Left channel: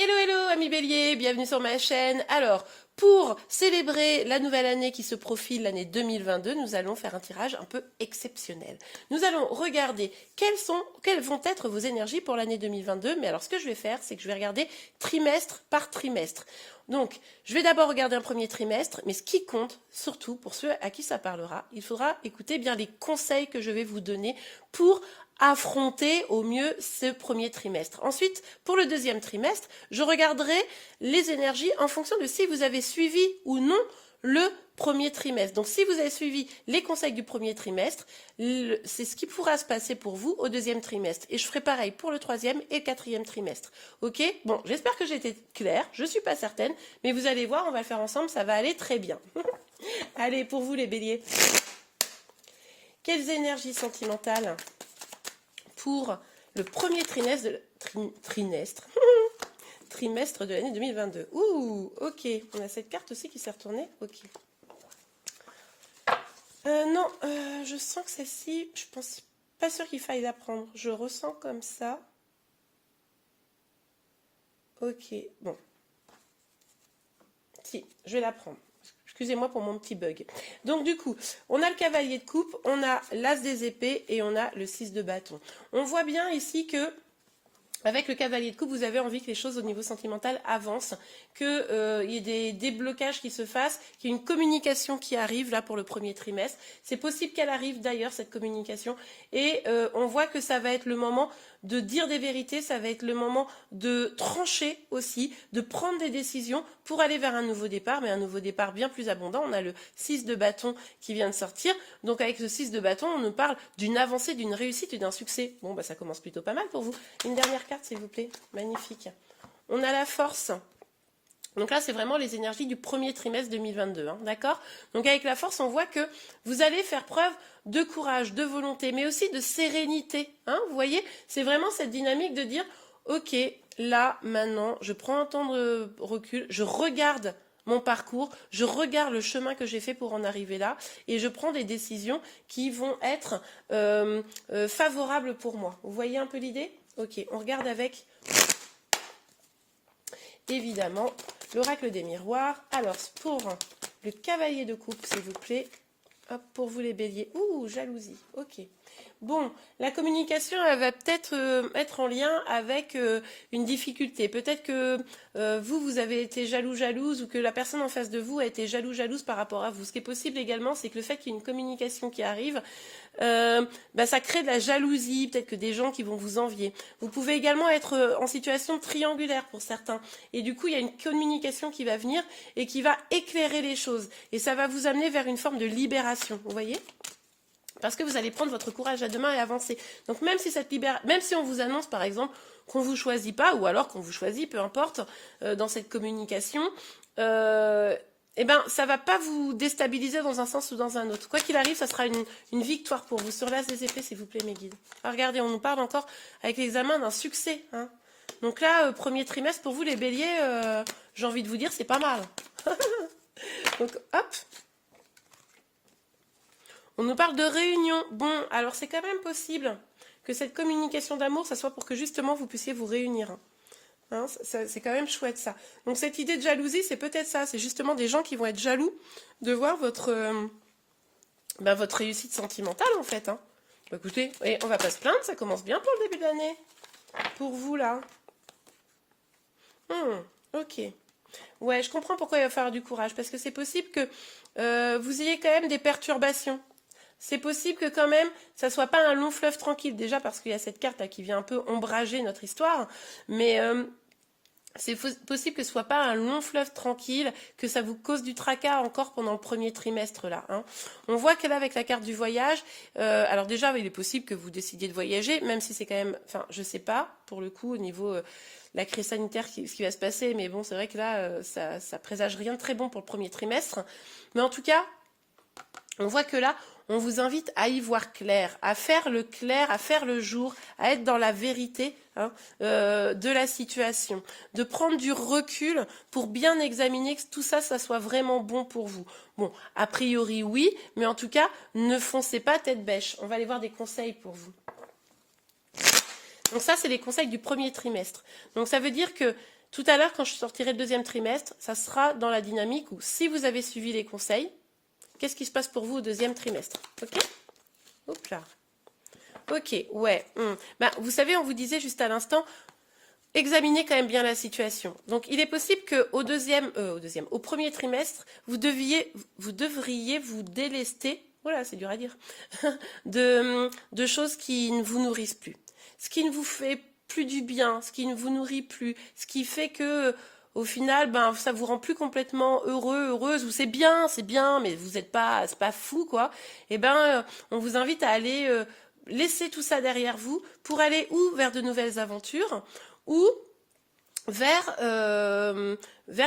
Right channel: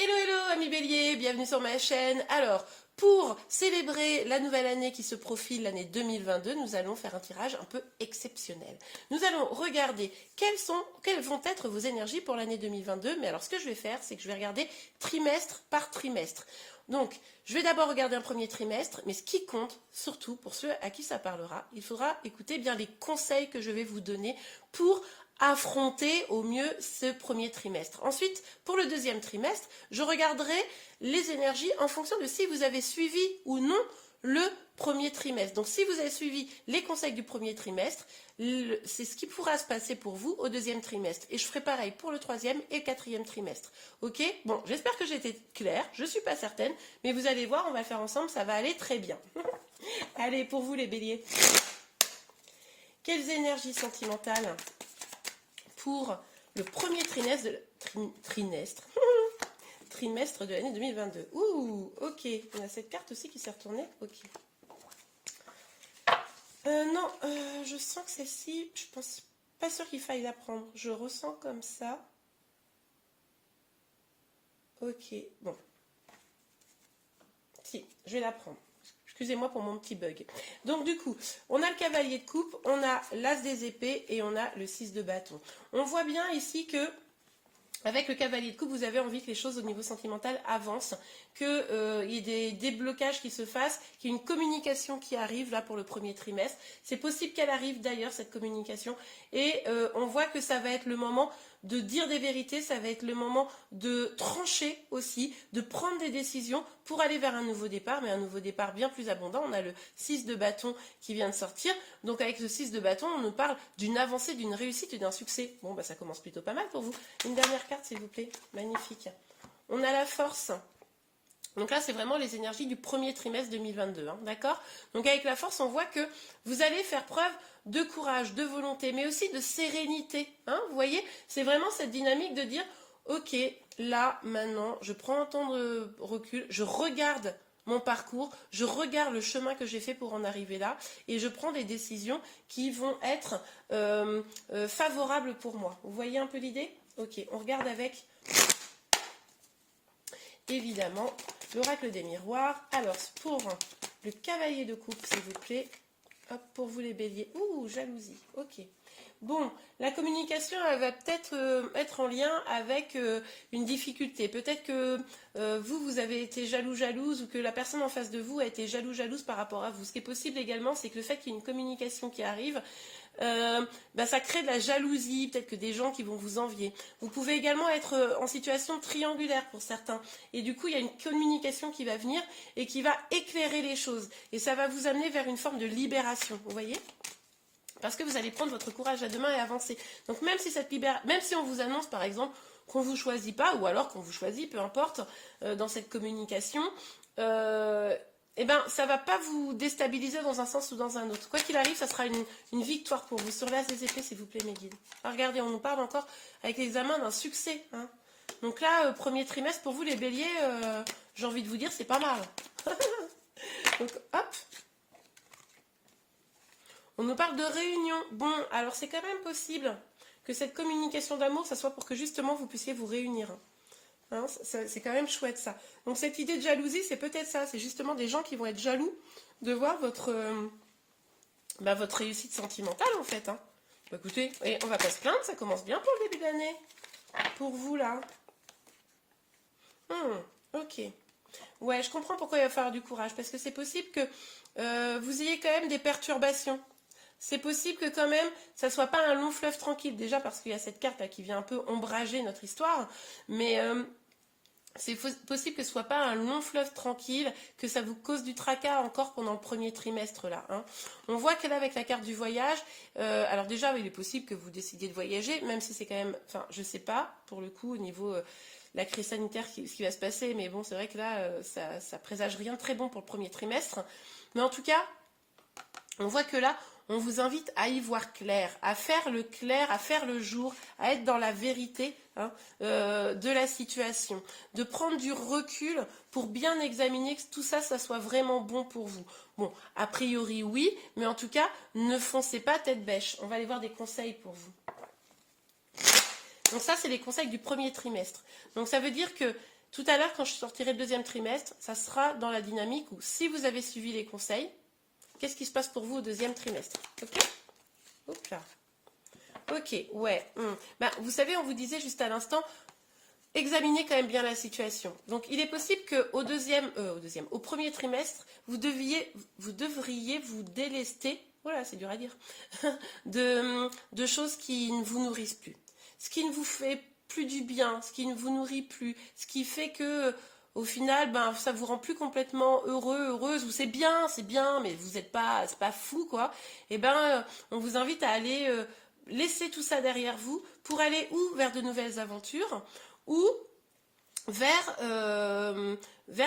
Hello hello amis béliers, bienvenue sur ma chaîne. Alors, pour célébrer la nouvelle année qui se profile, l'année 2022, nous allons faire un tirage un peu exceptionnel. Nous allons regarder quelles vont être vos énergies pour l'année 2022. Mais alors ce que je vais faire, c'est que je vais regarder trimestre par trimestre. Donc, je vais d'abord regarder un premier trimestre, mais ce qui compte, surtout pour ceux à qui ça parlera, il faudra écouter bien les conseils que je vais vous donner pour affronter au mieux ce premier trimestre. Ensuite, pour le deuxième trimestre, je regarderai les énergies en fonction de si vous avez suivi ou non le premier trimestre. Donc, si vous avez suivi les conseils du premier trimestre, c'est ce qui pourra se passer pour vous au deuxième trimestre. Et je ferai pareil pour le troisième et le quatrième trimestre. Ok? Bon, j'espère que j'ai été claire. Je ne suis pas certaine, mais vous allez voir, on va le faire ensemble, ça va aller très bien. Allez, pour vous les béliers. Quelles énergies sentimentales pour le premier trimestre de l'année 2022. Ouh, ok. On a cette carte aussi qui s'est retournée. Ok. Non, je sens que celle-ci, je pense pas sûr qu'il faille la prendre. Je ressens comme ça. Ok, bon. Si, je vais la prendre. Excusez-moi pour mon petit bug. Donc du coup, on a le cavalier de coupe, on a l'as des épées et on a le 6 de bâton. On voit bien ici que avec le cavalier de coupe, vous avez envie que les choses au niveau sentimental avancent, qu'il y ait des déblocages qui se fassent, qu'il y ait une communication qui arrive là pour le premier trimestre. C'est possible qu'elle arrive d'ailleurs, cette communication. Et on voit que ça va être le moment de dire des vérités, ça va être le moment de trancher aussi, de prendre des décisions pour aller vers un nouveau départ, mais un nouveau départ bien plus abondant. On a le 6 de bâton qui vient de sortir. Donc avec ce 6 de bâton, on nous parle d'une avancée, d'une réussite et d'un succès. Bon, bah ça commence plutôt pas mal pour vous. Une dernière carte, s'il vous plaît. Magnifique. On a la force. Donc là, c'est vraiment les énergies du premier trimestre 2022, hein, d'accord? Donc avec la force, on voit que vous allez faire preuve de courage, de volonté, mais aussi de sérénité. Hein, vous voyez, c'est vraiment cette dynamique de dire, ok, là, maintenant, je prends un temps de recul, je regarde mon parcours, je regarde le chemin que j'ai fait pour en arriver là, et je prends des décisions qui vont être favorables pour moi. Vous voyez un peu l'idée? Ok, on regarde avec... évidemment, l'oracle des miroirs. Alors, pour le cavalier de coupe, s'il vous plaît. Hop, pour vous les béliers. Ouh, jalousie. Ok. Bon, la communication, elle va peut-être être en lien avec une difficulté. Peut-être que vous avez été jalouse, ou que la personne en face de vous a été jalouse par rapport à vous. Ce qui est possible également, c'est que le fait qu'il y ait une communication qui arrive, ça crée de la jalousie, peut-être que des gens qui vont vous envier. Vous pouvez également être en situation triangulaire pour certains. Et du coup, il y a une communication qui va venir et qui va éclairer les choses. Et ça va vous amener vers une forme de libération, vous voyez ? Parce que vous allez prendre votre courage à deux mains et avancer. Donc même si on vous annonce par exemple qu'on ne vous choisit pas, ou alors qu'on vous choisit, peu importe, dans cette communication, ça ne va pas vous déstabiliser dans un sens ou dans un autre. Quoi qu'il arrive, ça sera une victoire pour vous. Sur l'as des épées, s'il vous plaît, mes guides. Ah, regardez, on nous parle encore avec l'examen d'un succès. Hein. Donc là, premier trimestre, pour vous les béliers, j'ai envie de vous dire, c'est pas mal. Donc hop. On nous parle de réunion. Bon, alors c'est quand même possible que cette communication d'amour, ça soit pour que justement vous puissiez vous réunir. Hein, c'est quand même chouette ça. Donc cette idée de jalousie, c'est peut-être ça. C'est justement des gens qui vont être jaloux de voir votre réussite sentimentale en fait. Hein. Écoutez, on va pas se plaindre, ça commence bien pour le début de l'année. Pour vous là. Ok. Ouais, je comprends pourquoi il va falloir du courage. Parce que c'est possible que vous ayez quand même des perturbations. C'est possible que quand même, ça soit pas un long fleuve tranquille. Déjà parce qu'il y a cette carte là qui vient un peu ombrager notre histoire. Mais c'est possible que ce soit pas un long fleuve tranquille, que ça vous cause du tracas encore pendant le premier trimestre là. Hein. On voit que là avec la carte du voyage, alors déjà il est possible que vous décidiez de voyager, même si c'est quand même, enfin je sais pas pour le coup au niveau la crise sanitaire ce qui va se passer, mais bon c'est vrai que là ça présage rien de très bon pour le premier trimestre. Mais en tout cas, on voit que là on vous invite à y voir clair, à faire le jour, à être dans la vérité de la situation, de prendre du recul pour bien examiner que tout ça, ça soit vraiment bon pour vous. Bon, a priori oui, mais en tout cas, ne foncez pas tête bêche. On va aller voir des conseils pour vous. Donc ça, c'est les conseils du premier trimestre. Donc ça veut dire que Tout à l'heure, quand je sortirai le deuxième trimestre, ça sera dans la dynamique où si vous avez suivi les conseils, qu'est-ce qui se passe pour vous au deuxième trimestre? Ok? Hop là. Ok, ouais. Ben, vous savez, on vous disait juste à l'instant, examinez quand même bien la situation. Donc, il est possible qu'au au premier trimestre, vous devriez vous délester, voilà, c'est dur à dire, de choses qui ne vous nourrissent plus. Ce qui ne vous fait plus du bien, ce qui ne vous nourrit plus, ce qui fait que au final, ben, ça vous rend plus complètement heureux, heureuse, ou c'est bien, mais vous n'êtes pas, c'est pas fou, quoi. Et ben, on vous invite à aller laisser tout ça derrière vous pour aller ou vers de nouvelles aventures, ou vers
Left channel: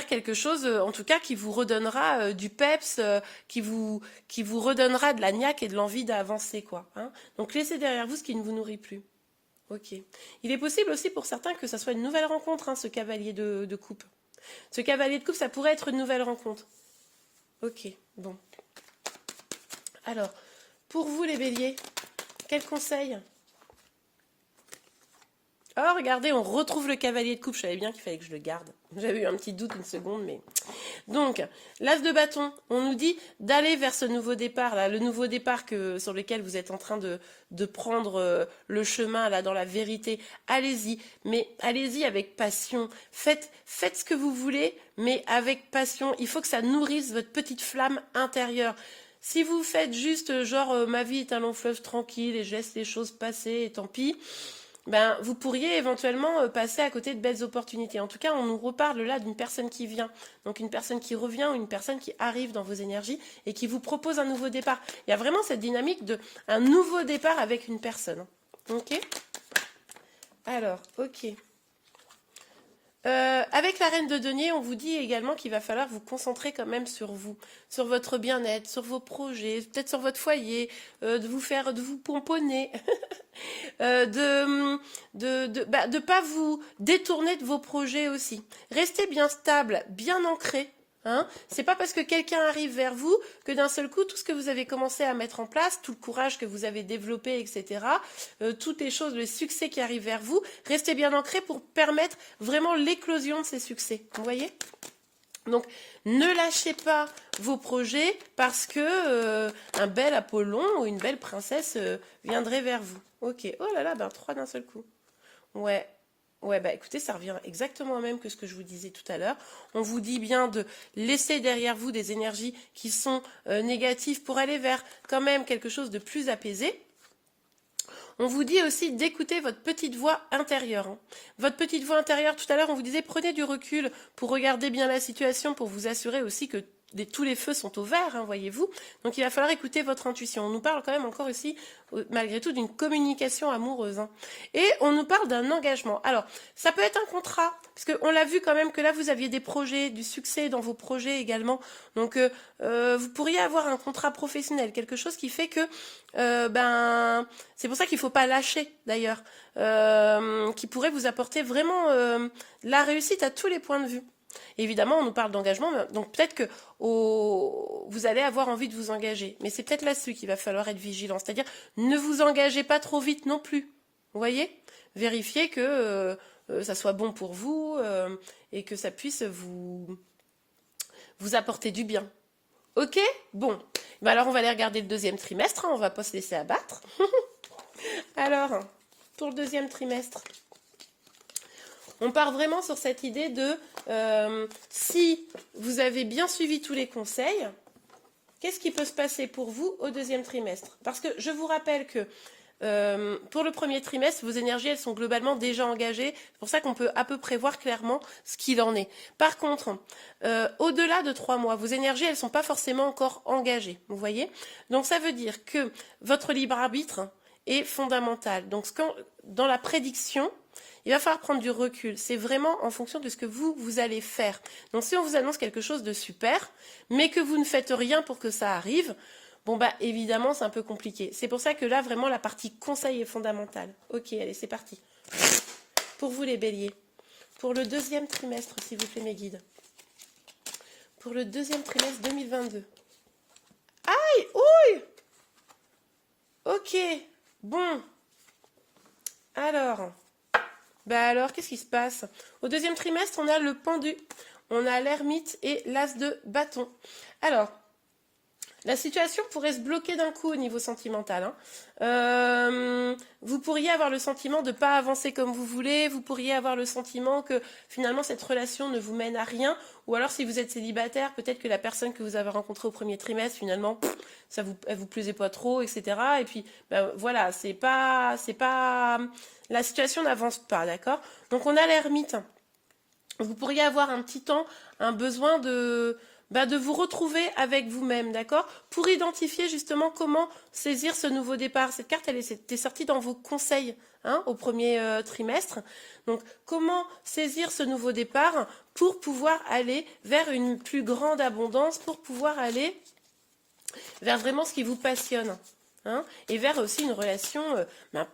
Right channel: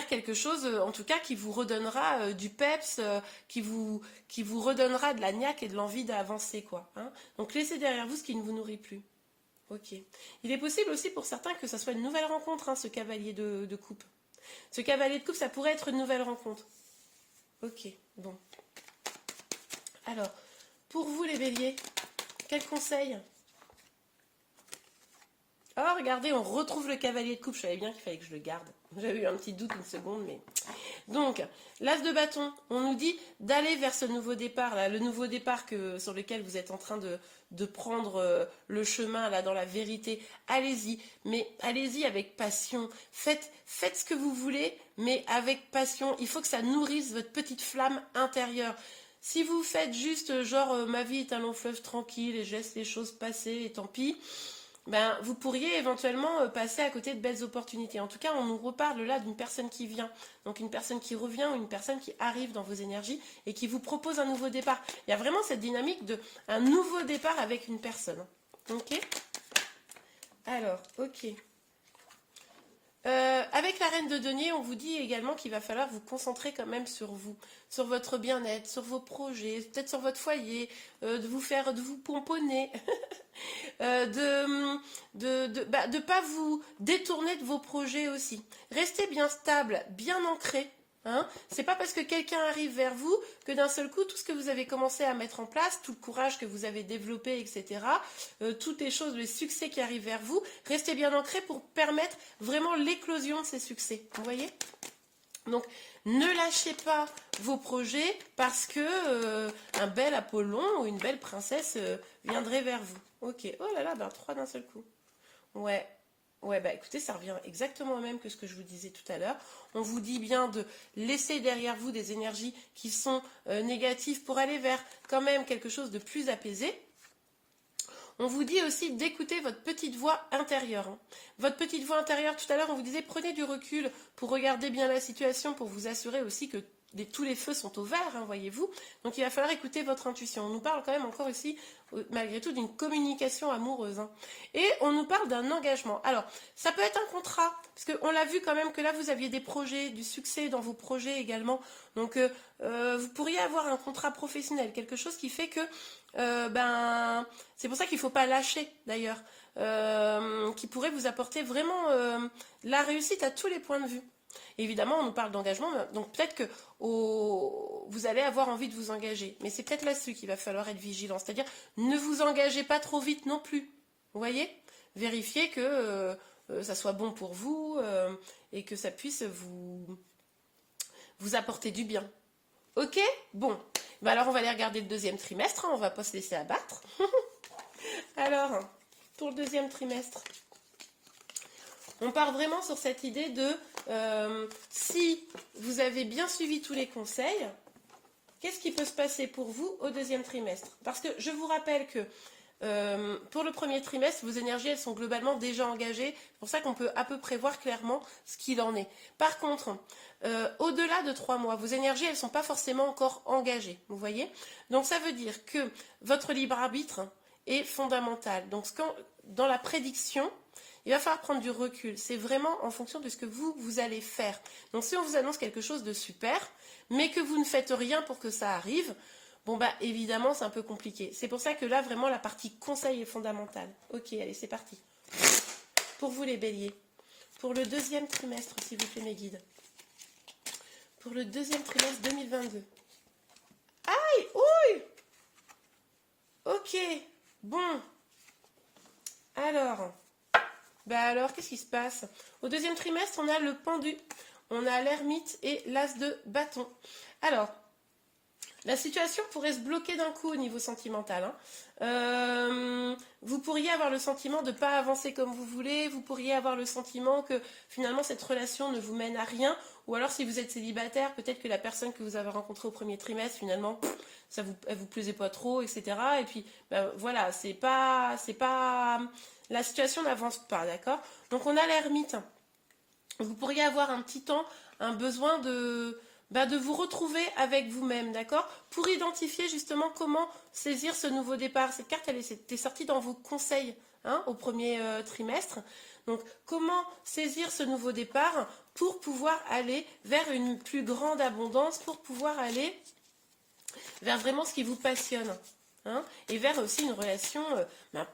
quelque chose, en tout cas, qui vous redonnera du peps, qui vous redonnera de la niaque et de l'envie d'avancer, quoi. Hein. Donc, laissez derrière vous ce qui ne vous nourrit plus. Ok. Il est possible aussi pour certains que ça soit une nouvelle rencontre, hein, ce cavalier de coupe. Ce cavalier de coupe, ça pourrait être une nouvelle rencontre. Ok, bon. Alors, pour vous les béliers, quel conseil? Oh, regardez, on retrouve le cavalier de coupe. Je savais bien qu'il fallait que je le garde. J'avais eu un petit doute une seconde, mais... Donc, l'as de bâton, on nous dit d'aller vers ce nouveau départ, là, le nouveau départ sur lequel vous êtes en train de prendre le chemin, là, dans la vérité. Allez-y, mais allez-y avec passion. Faites ce que vous voulez, mais avec passion. Il faut que ça nourrisse votre petite flamme intérieure. Si vous faites juste, genre, ma vie est un long fleuve tranquille et je laisse les choses passer et tant pis... Ben, vous pourriez éventuellement passer à côté de belles opportunités. En tout cas, on nous reparle là d'une personne qui vient. Donc une personne qui revient ou une personne qui arrive dans vos énergies et qui vous propose un nouveau départ. Il y a vraiment cette dynamique de un nouveau départ avec une personne. Ok? Alors, ok. Avec la reine de denier, on vous dit également qu'il va falloir vous concentrer quand même sur vous, sur votre bien-être, sur vos projets, peut-être sur votre foyer, de vous pomponner, de pas vous détourner de vos projets aussi. Restez bien stable, bien ancré. Hein, c'est pas parce que quelqu'un arrive vers vous que d'un seul coup, tout ce que vous avez commencé à mettre en place, tout le courage que vous avez développé, etc., toutes les choses, les succès qui arrivent vers vous, restez bien ancré pour permettre vraiment l'éclosion de ces succès. Vous voyez? Donc, ne lâchez pas vos projets parce que un bel Apollon ou une belle princesse viendrait vers vous. Ok, oh là là, ben 3 d'un seul coup. Ouais. Ouais, bah écoutez, ça revient exactement au même que ce que je vous disais tout à l'heure. On vous dit bien de laisser derrière vous des énergies qui sont négatives pour aller vers quand même quelque chose de plus apaisé. On vous dit aussi d'écouter votre petite voix intérieure. Hein. Votre petite voix intérieure, tout à l'heure, on vous disait prenez du recul pour regarder bien la situation, pour vous assurer aussi que tous les feux sont au vert, hein, voyez-vous. Donc il va falloir écouter votre intuition. On nous parle quand même encore aussi, malgré tout, d'une communication amoureuse. Hein. Et on nous parle d'un engagement. Alors, ça peut être un contrat, parce qu'on l'a vu quand même que là, vous aviez des projets, du succès dans vos projets également. Donc, vous pourriez avoir un contrat professionnel, quelque chose qui fait que, c'est pour ça qu'il ne faut pas lâcher, d'ailleurs, qui pourrait vous apporter vraiment la réussite à tous les points de vue. Évidemment, on nous parle d'engagement, donc peut-être que vous allez avoir envie de vous engager. Mais c'est peut-être là-dessus qu'il va falloir être vigilant. C'est-à-dire, ne vous engagez pas trop vite non plus. Vous voyez? Vérifiez que ça soit bon pour vous et que ça puisse vous apporter du bien. Ok? Bon. Ben alors, on va aller regarder le deuxième trimestre. Hein, on ne va pas se laisser abattre. Alors, pour le deuxième trimestre... On part vraiment sur cette idée de si vous avez bien suivi tous les conseils, qu'est-ce qui peut se passer pour vous au deuxième trimestre? Parce que je vous rappelle que pour le premier trimestre, vos énergies, elles sont globalement déjà engagées. C'est pour ça qu'on peut à peu près voir clairement ce qu'il en est. Par contre, au-delà de 3 mois, vos énergies, elles ne sont pas forcément encore engagées. Vous voyez? Donc ça veut dire que votre libre arbitre est fondamental. Donc dans la prédiction, il va falloir prendre du recul. C'est vraiment en fonction de ce que vous allez faire. Donc si on vous annonce quelque chose de super, mais que vous ne faites rien pour que ça arrive, bon bah évidemment c'est un peu compliqué. C'est pour ça que là vraiment la partie conseil est fondamentale. Ok, allez c'est parti. Pour vous les béliers, pour le deuxième trimestre s'il vous plaît mes guides. Pour le deuxième trimestre 2022. Aïe, ouille. Ok, bon. Alors... Bah alors, qu'est-ce qui se passe? Au deuxième trimestre, on a le pendu, on a l'ermite et l'as de bâton. Alors, la situation pourrait se bloquer d'un coup au niveau sentimental, hein. Vous pourriez avoir le sentiment de ne pas avancer comme vous voulez, vous pourriez avoir le sentiment que finalement cette relation ne vous mène à rien, ou alors si vous êtes célibataire, peut-être que la personne que vous avez rencontrée au premier trimestre, finalement, elle vous plaisait pas trop, etc. Et puis, ben, voilà, la situation n'avance pas, d'accord? Donc on a l'ermite. Vous pourriez avoir un petit temps, un besoin de vous retrouver avec vous-même, d'accord? Pour identifier justement comment saisir ce nouveau départ. Cette carte, elle était sortie dans vos conseils, hein, au premier trimestre. Donc, comment saisir ce nouveau départ pour pouvoir aller vers une plus grande abondance, pour pouvoir aller vers vraiment ce qui vous passionne, hein, et vers aussi une relation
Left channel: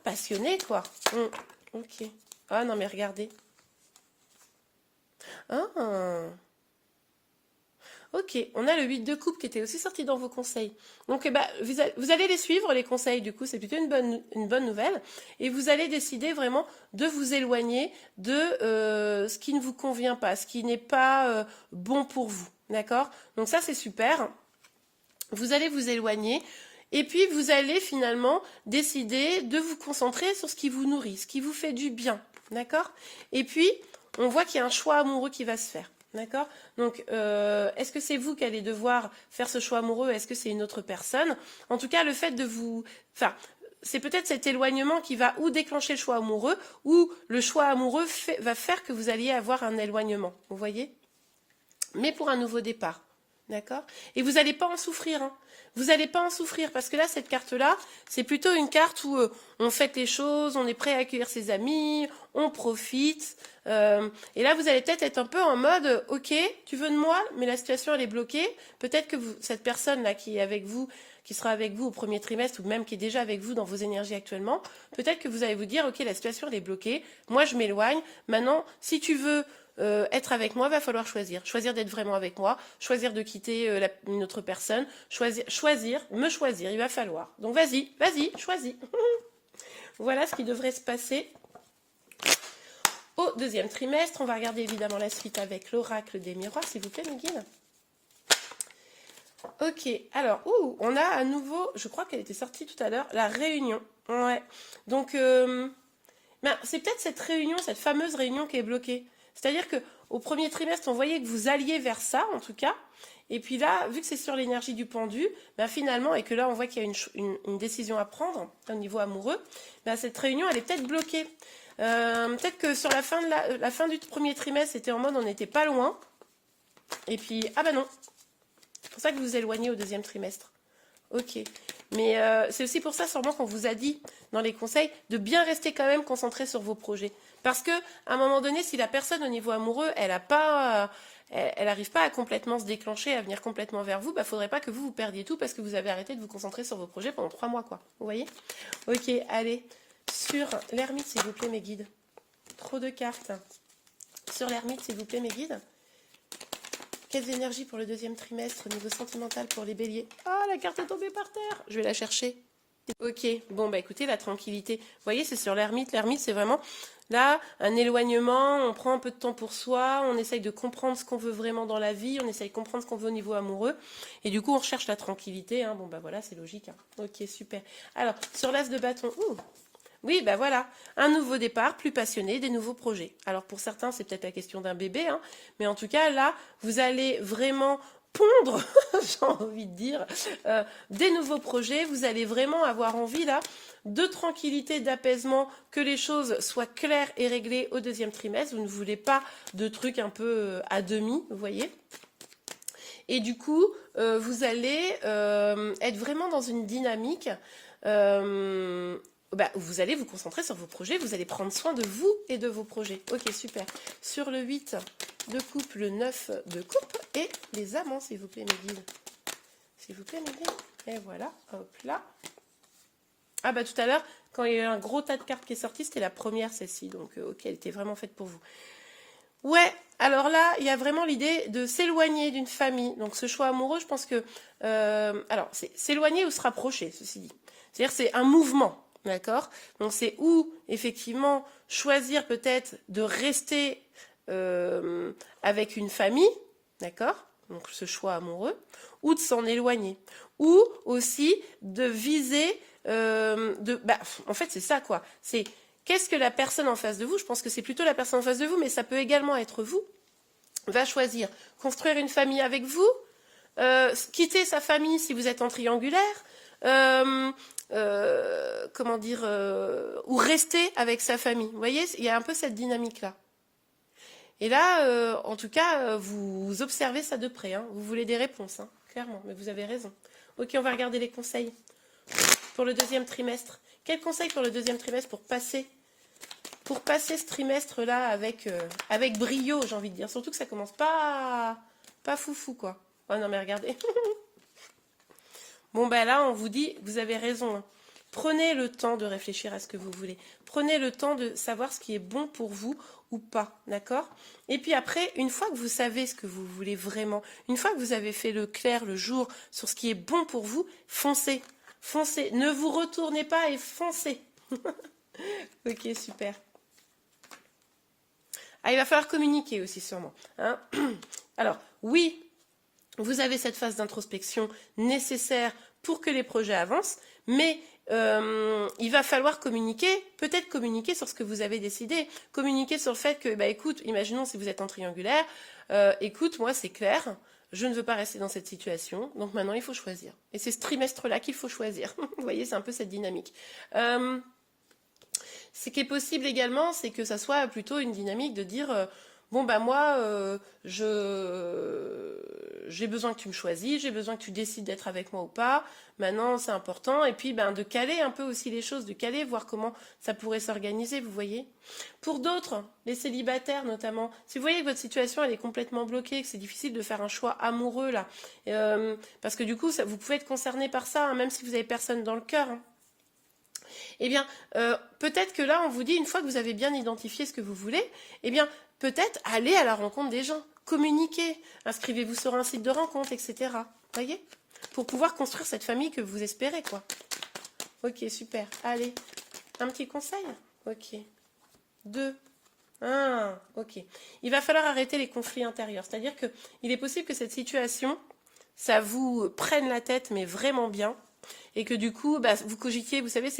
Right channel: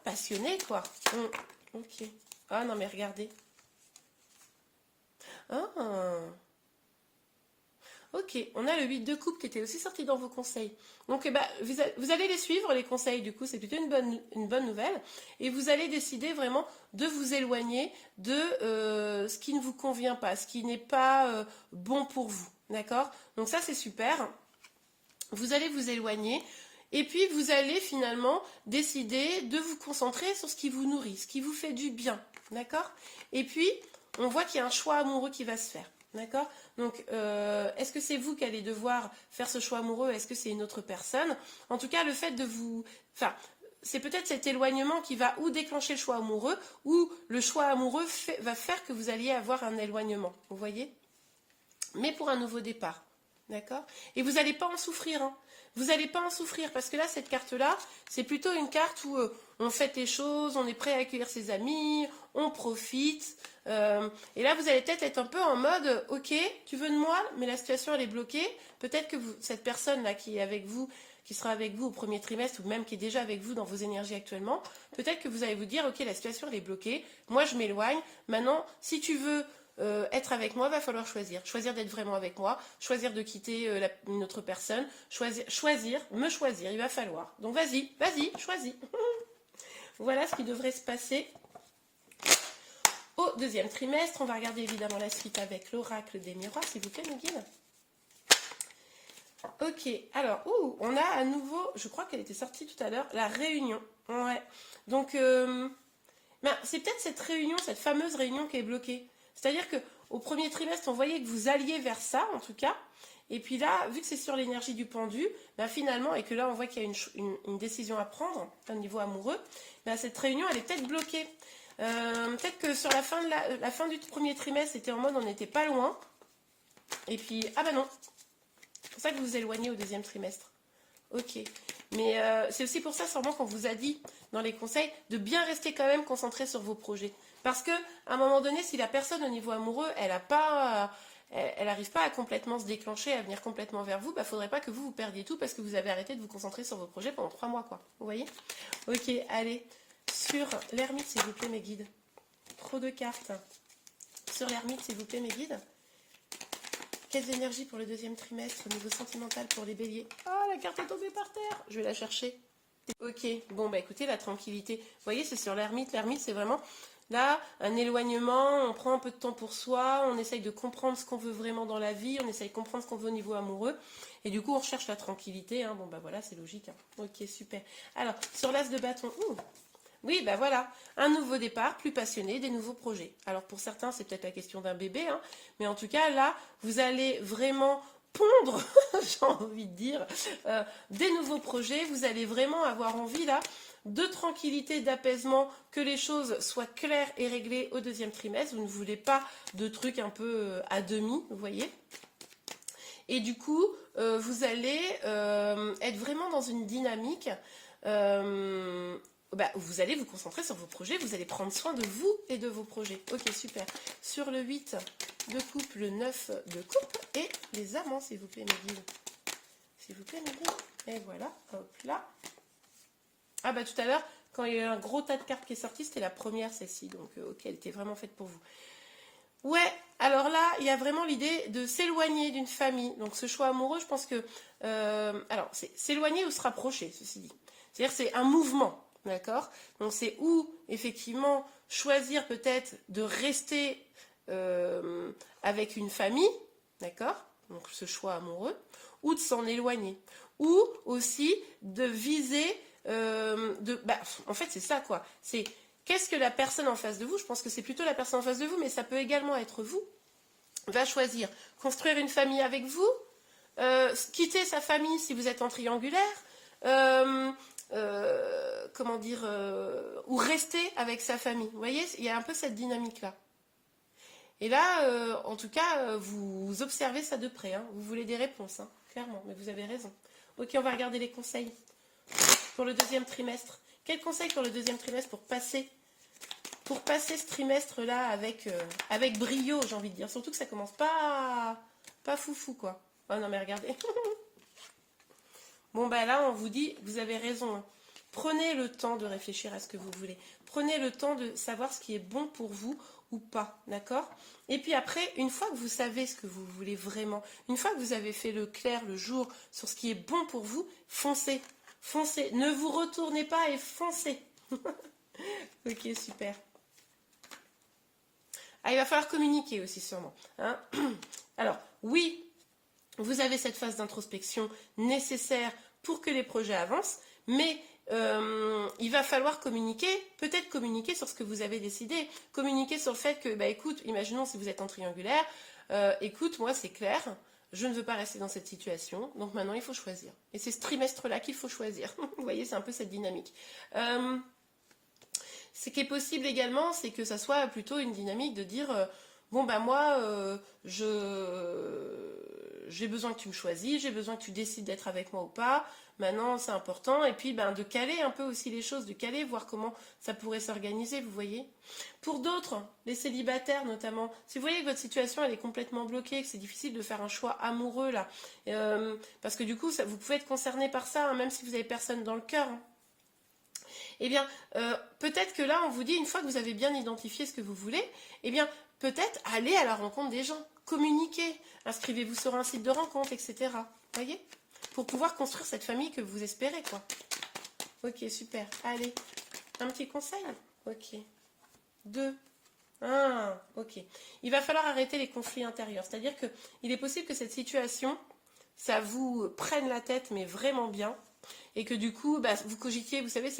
passionnée, quoi. Ok. Ah non, mais regardez. Ah. Ok, on a le 8 de coupe qui était aussi sorti dans vos conseils. Donc eh ben, vous allez les suivre, les conseils, du coup, c'est plutôt une bonne nouvelle. Et vous allez décider vraiment de vous éloigner de ce qui ne vous convient pas, ce qui n'est pas bon pour vous. D'accord? Donc ça, c'est super. Vous allez vous éloigner. Et puis, vous allez finalement décider de vous concentrer sur ce qui vous nourrit, ce qui vous fait du bien. D'accord? Et puis, on voit qu'il y a un choix amoureux qui va se faire. D'accord? Donc, est-ce que c'est vous qui allez devoir faire ce choix amoureux? Est-ce que c'est une autre personne? En tout cas, le fait de vous... Enfin, c'est peut-être cet éloignement qui va ou déclencher le choix amoureux, ou le choix amoureux va faire que vous alliez avoir un éloignement. Vous voyez? Mais pour un nouveau départ. D'accord? Et vous n'allez pas en souffrir, hein. Vous n'allez pas en souffrir parce que là, cette carte-là, c'est plutôt une carte où on fait les choses, on est prêt à accueillir ses amis, on profite. Et là, vous allez peut-être être un peu en mode, ok, tu veux de moi, mais la situation, elle est bloquée. Peut-être que cette personne-là qui est avec vous, qui sera avec vous au premier trimestre, ou même qui est déjà avec vous dans vos énergies actuellement, peut-être que vous allez vous dire, ok, la situation, elle est bloquée, moi, je m'éloigne. Maintenant, si tu veux... être avec moi, va falloir choisir. Choisir d'être vraiment avec moi, choisir de quitter une autre personne, me choisir, il va falloir. Donc vas-y, choisis. Voilà ce qui devrait se passer au deuxième trimestre. On va regarder évidemment la suite avec l'oracle des miroirs, s'il vous plaît, mes guides. Ok, alors, on a à nouveau, je crois qu'elle était sortie tout à l'heure, la réunion. Ouais, donc, c'est peut-être cette réunion, cette fameuse réunion qui est bloquée. C'est-à-dire qu'au premier trimestre, on voyait que vous alliez vers ça, en tout cas. Et puis là, vu que c'est sur l'énergie du pendu, finalement, et que là, on voit qu'il y a une décision à prendre au niveau amoureux, cette réunion, elle est peut-être bloquée. Peut-être que sur la fin du premier trimestre, c'était en mode on n'était pas loin. Et puis, ah ben non. C'est pour ça que vous vous éloignez au deuxième trimestre. Ok. Mais c'est aussi pour ça, sûrement, qu'on vous a dit dans les conseils de bien rester quand même concentré sur vos projets. Parce que à un moment donné, si la personne au niveau amoureux, elle n'arrive pas à complètement se déclencher, à venir complètement vers vous, faudrait pas que vous perdiez tout parce que vous avez arrêté de vous concentrer sur vos projets pendant 3 mois, quoi. Vous voyez? Ok, allez. Sur l'ermite, s'il vous plaît, mes guides. Trop de cartes. Sur l'ermite, s'il vous plaît, mes guides. Quelles énergies pour le deuxième trimestre au niveau sentimental pour les béliers? Ah, la carte est tombée par terre. Je vais la chercher. Ok, bon, écoutez, la tranquillité. Vous voyez, c'est sur l'ermite. L'ermite, c'est vraiment, là, un éloignement. On prend un peu de temps pour soi. On essaye de comprendre ce qu'on veut vraiment dans la vie. On essaye de comprendre ce qu'on veut au niveau amoureux. Et du coup, on recherche la tranquillité. Hein. Bon, voilà, c'est logique. Hein. Ok, super. Alors, sur l'as de bâton. Oui, voilà, un nouveau départ, plus passionné, des nouveaux projets. Alors pour certains, c'est peut-être la question d'un bébé, hein, mais en tout cas, là, vous allez vraiment pondre, j'ai envie de dire, des nouveaux projets. Vous allez vraiment avoir envie, là, de tranquillité, d'apaisement, que les choses soient claires et réglées au deuxième trimestre. Vous ne voulez pas de trucs un peu à demi, vous voyez. Et du coup, vous allez être vraiment dans une dynamique... vous allez vous concentrer sur vos projets, vous allez prendre soin de vous et de vos projets. Ok, super. Sur le 8 de coupe, le 9 de coupe et les amants, s'il vous plaît, mes guides. S'il vous plaît, mes guides. Et voilà, hop là. Ah tout à l'heure, quand il y a eu un gros tas de cartes qui est sorti, c'était la première, celle-ci. Donc, ok, elle était vraiment faite pour vous. Ouais, alors là, il y a vraiment l'idée de s'éloigner d'une famille. Donc, ce choix amoureux, je pense que... alors, c'est s'éloigner ou se rapprocher, ceci dit. C'est-à-dire c'est un mouvement. D'accord? Donc c'est où, effectivement, choisir peut-être de rester avec une famille, d'accord? Donc ce choix amoureux, ou de s'en éloigner. Ou aussi de viser, en fait c'est ça quoi, c'est qu'est-ce que la personne en face de vous, je pense que c'est plutôt la personne en face de vous, mais ça peut également être vous, va choisir construire une famille avec vous, quitter sa famille si vous êtes en triangulaire, comment dire, ou rester avec sa famille. Vous voyez, il y a un peu cette dynamique-là. Et là, en tout cas, vous observez ça de près. Hein. Vous voulez des réponses, hein, clairement, mais vous avez raison. Ok, on va regarder les conseils pour le deuxième trimestre. Quels conseils pour le deuxième trimestre pour passer ce trimestre-là avec brio, j'ai envie de dire. Surtout que ça commence pas foufou, quoi. Oh non, mais regardez. Bon, ben là, on vous dit, vous avez raison. Hein. Prenez le temps de réfléchir à ce que vous voulez. Prenez le temps de savoir ce qui est bon pour vous ou pas, d'accord? Et puis après, une fois que vous savez ce que vous voulez vraiment, une fois que vous avez fait le clair le jour sur ce qui est bon pour vous, foncez. Foncez. Ne vous retournez pas et foncez. Ok, super. Ah, il va falloir communiquer aussi sûrement. Hein. Alors, oui, vous avez cette phase d'introspection nécessaire pour que les projets avancent, mais il va falloir communiquer, peut-être communiquer sur ce que vous avez décidé, communiquer sur le fait que, bah écoute, imaginons si vous êtes en triangulaire, écoute, moi c'est clair, je ne veux pas rester dans cette situation, donc maintenant il faut choisir. Et c'est ce trimestre-là qu'il faut choisir. Vous voyez, c'est un peu cette dynamique. Ce qui est possible également, c'est que ça soit plutôt une dynamique de dire bon bah moi j'ai besoin que tu me choisisses, j'ai besoin que tu décides d'être avec moi ou pas. Maintenant c'est important et puis de caler un peu aussi les choses, de caler, voir comment ça pourrait s'organiser, vous voyez. Pour d'autres, les célibataires notamment, si vous voyez que votre situation elle est complètement bloquée, que c'est difficile de faire un choix amoureux là, parce que du coup vous pouvez être concerné par ça, hein, même si vous avez personne dans le cœur. Hein. Eh bien, peut-être que là, on vous dit, une fois que vous avez bien identifié ce que vous voulez, eh bien, peut-être aller à la rencontre des gens, communiquer, inscrivez-vous sur un site de rencontre, etc. Voyez? Pour pouvoir construire cette famille que vous espérez, quoi. Ok, super. Allez, un petit conseil? Ok. 2. Ok. Il va falloir arrêter les conflits intérieurs. C'est-à-dire qu'il est possible que cette situation, ça vous prenne la tête, mais vraiment bien. Et que du coup, vous cogitiez, vous savez,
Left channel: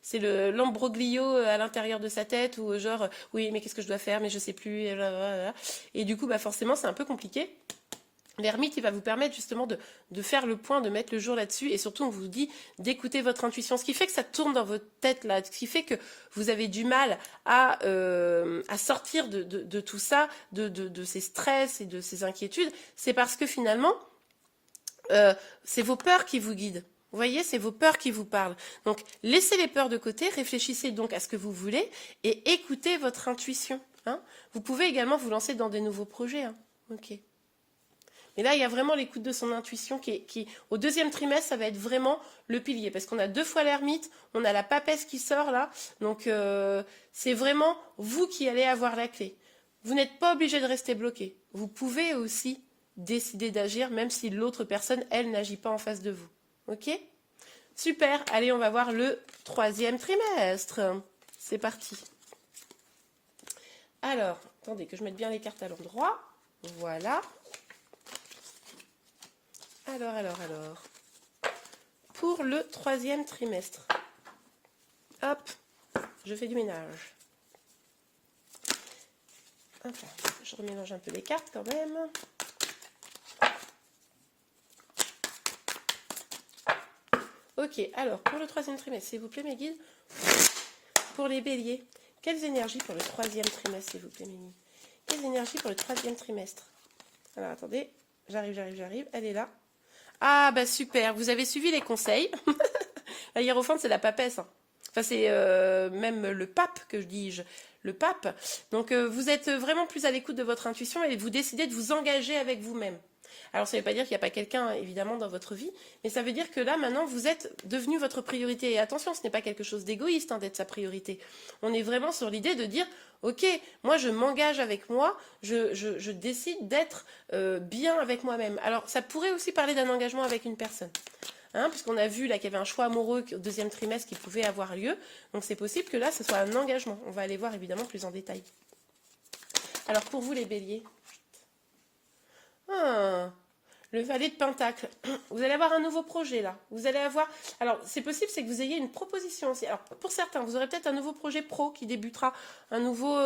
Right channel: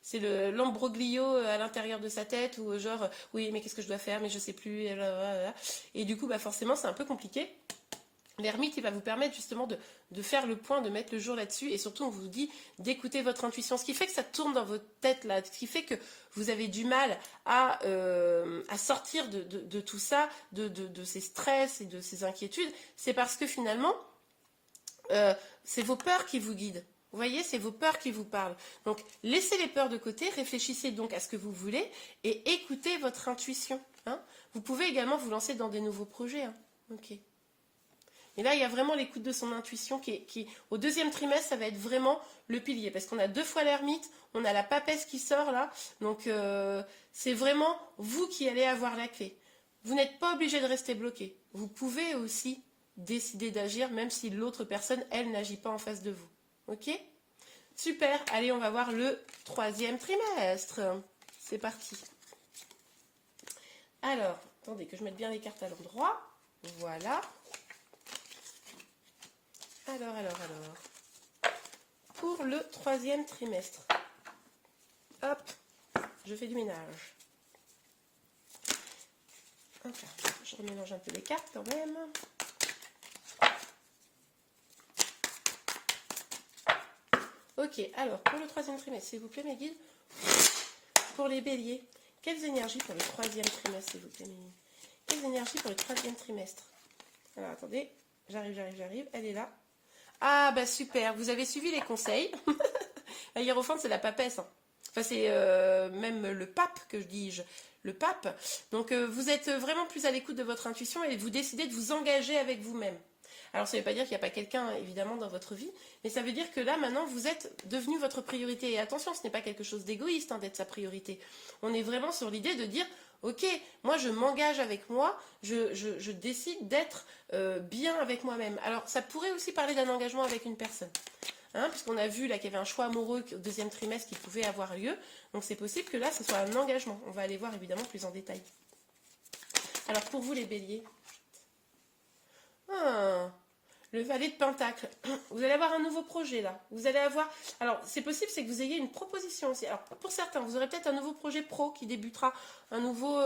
c'est l'ambroglio à l'intérieur de sa tête, ou genre, oui, mais qu'est-ce que je dois faire, mais je sais plus, et blablabla. Et du coup, forcément, c'est un peu compliqué. L'ermite, il va vous permettre justement de faire le point, de mettre le jour là-dessus, et surtout, on vous dit d'écouter votre intuition, ce qui fait que ça tourne dans votre tête, là, ce qui fait que vous avez du mal à sortir de tout ça, de ces stress et de ces inquiétudes, c'est parce que finalement, c'est vos peurs qui vous guident. Vous voyez, c'est vos peurs qui vous parlent. Donc, laissez les peurs de côté, réfléchissez donc à ce que vous voulez et écoutez votre intuition. Hein. Vous pouvez également vous lancer dans des nouveaux projets. Hein. Ok. Mais là, il y a vraiment l'écoute de son intuition qui, au deuxième trimestre, ça va être vraiment le pilier. Parce qu'on a 2 fois l'ermite, on a la papesse qui sort là. Donc, c'est vraiment vous qui allez avoir la clé. Vous n'êtes pas obligé de rester bloqué. Vous pouvez aussi décider d'agir, même si l'autre personne, elle, n'agit pas en face de vous. Ok? Super. Allez, on va voir le 3e trimestre. C'est parti. Alors, attendez que je mette bien les cartes à l'endroit. Voilà. Alors. Pour le 3e trimestre. Hop, je fais du ménage. Enfin, je remélange un peu les cartes quand même. Ok, alors, pour le 3e trimestre, s'il vous plaît, mes guides. Pour les béliers, quelles énergies pour le 3e trimestre, s'il vous plaît, mes guides? Quelles énergies pour le 3e trimestre? Alors, attendez, j'arrive, elle est là. Ah, super, vous avez suivi les conseils. La hiérophante, c'est la papesse. Hein. Enfin, c'est même le pape, que je dis-je. Le pape. Donc, vous êtes vraiment plus à l'écoute de votre intuition et vous décidez de vous engager avec vous-même. Alors, ça ne veut pas dire qu'il n'y a pas quelqu'un, évidemment, dans votre vie, mais ça veut dire que là, maintenant, vous êtes devenu votre priorité. Et attention, ce n'est pas quelque chose d'égoïste d'être sa priorité. On est vraiment sur l'idée de dire, ok, moi, je m'engage avec moi, je décide d'être bien avec moi-même. Alors, ça pourrait aussi parler d'un engagement avec une personne. hein, puisqu'on a vu là qu'il y avait un choix amoureux au deuxième trimestre qui pouvait avoir lieu. Donc c'est possible que là, ce soit un engagement. On va aller voir évidemment plus en détail. Alors pour vous les béliers, le valet de Pentacle, vous allez avoir un nouveau projet là. Vous allez avoir, alors c'est possible, c'est que vous ayez une proposition aussi. Alors pour certains, vous aurez peut-être un nouveau projet pro qui débutera, un nouveau,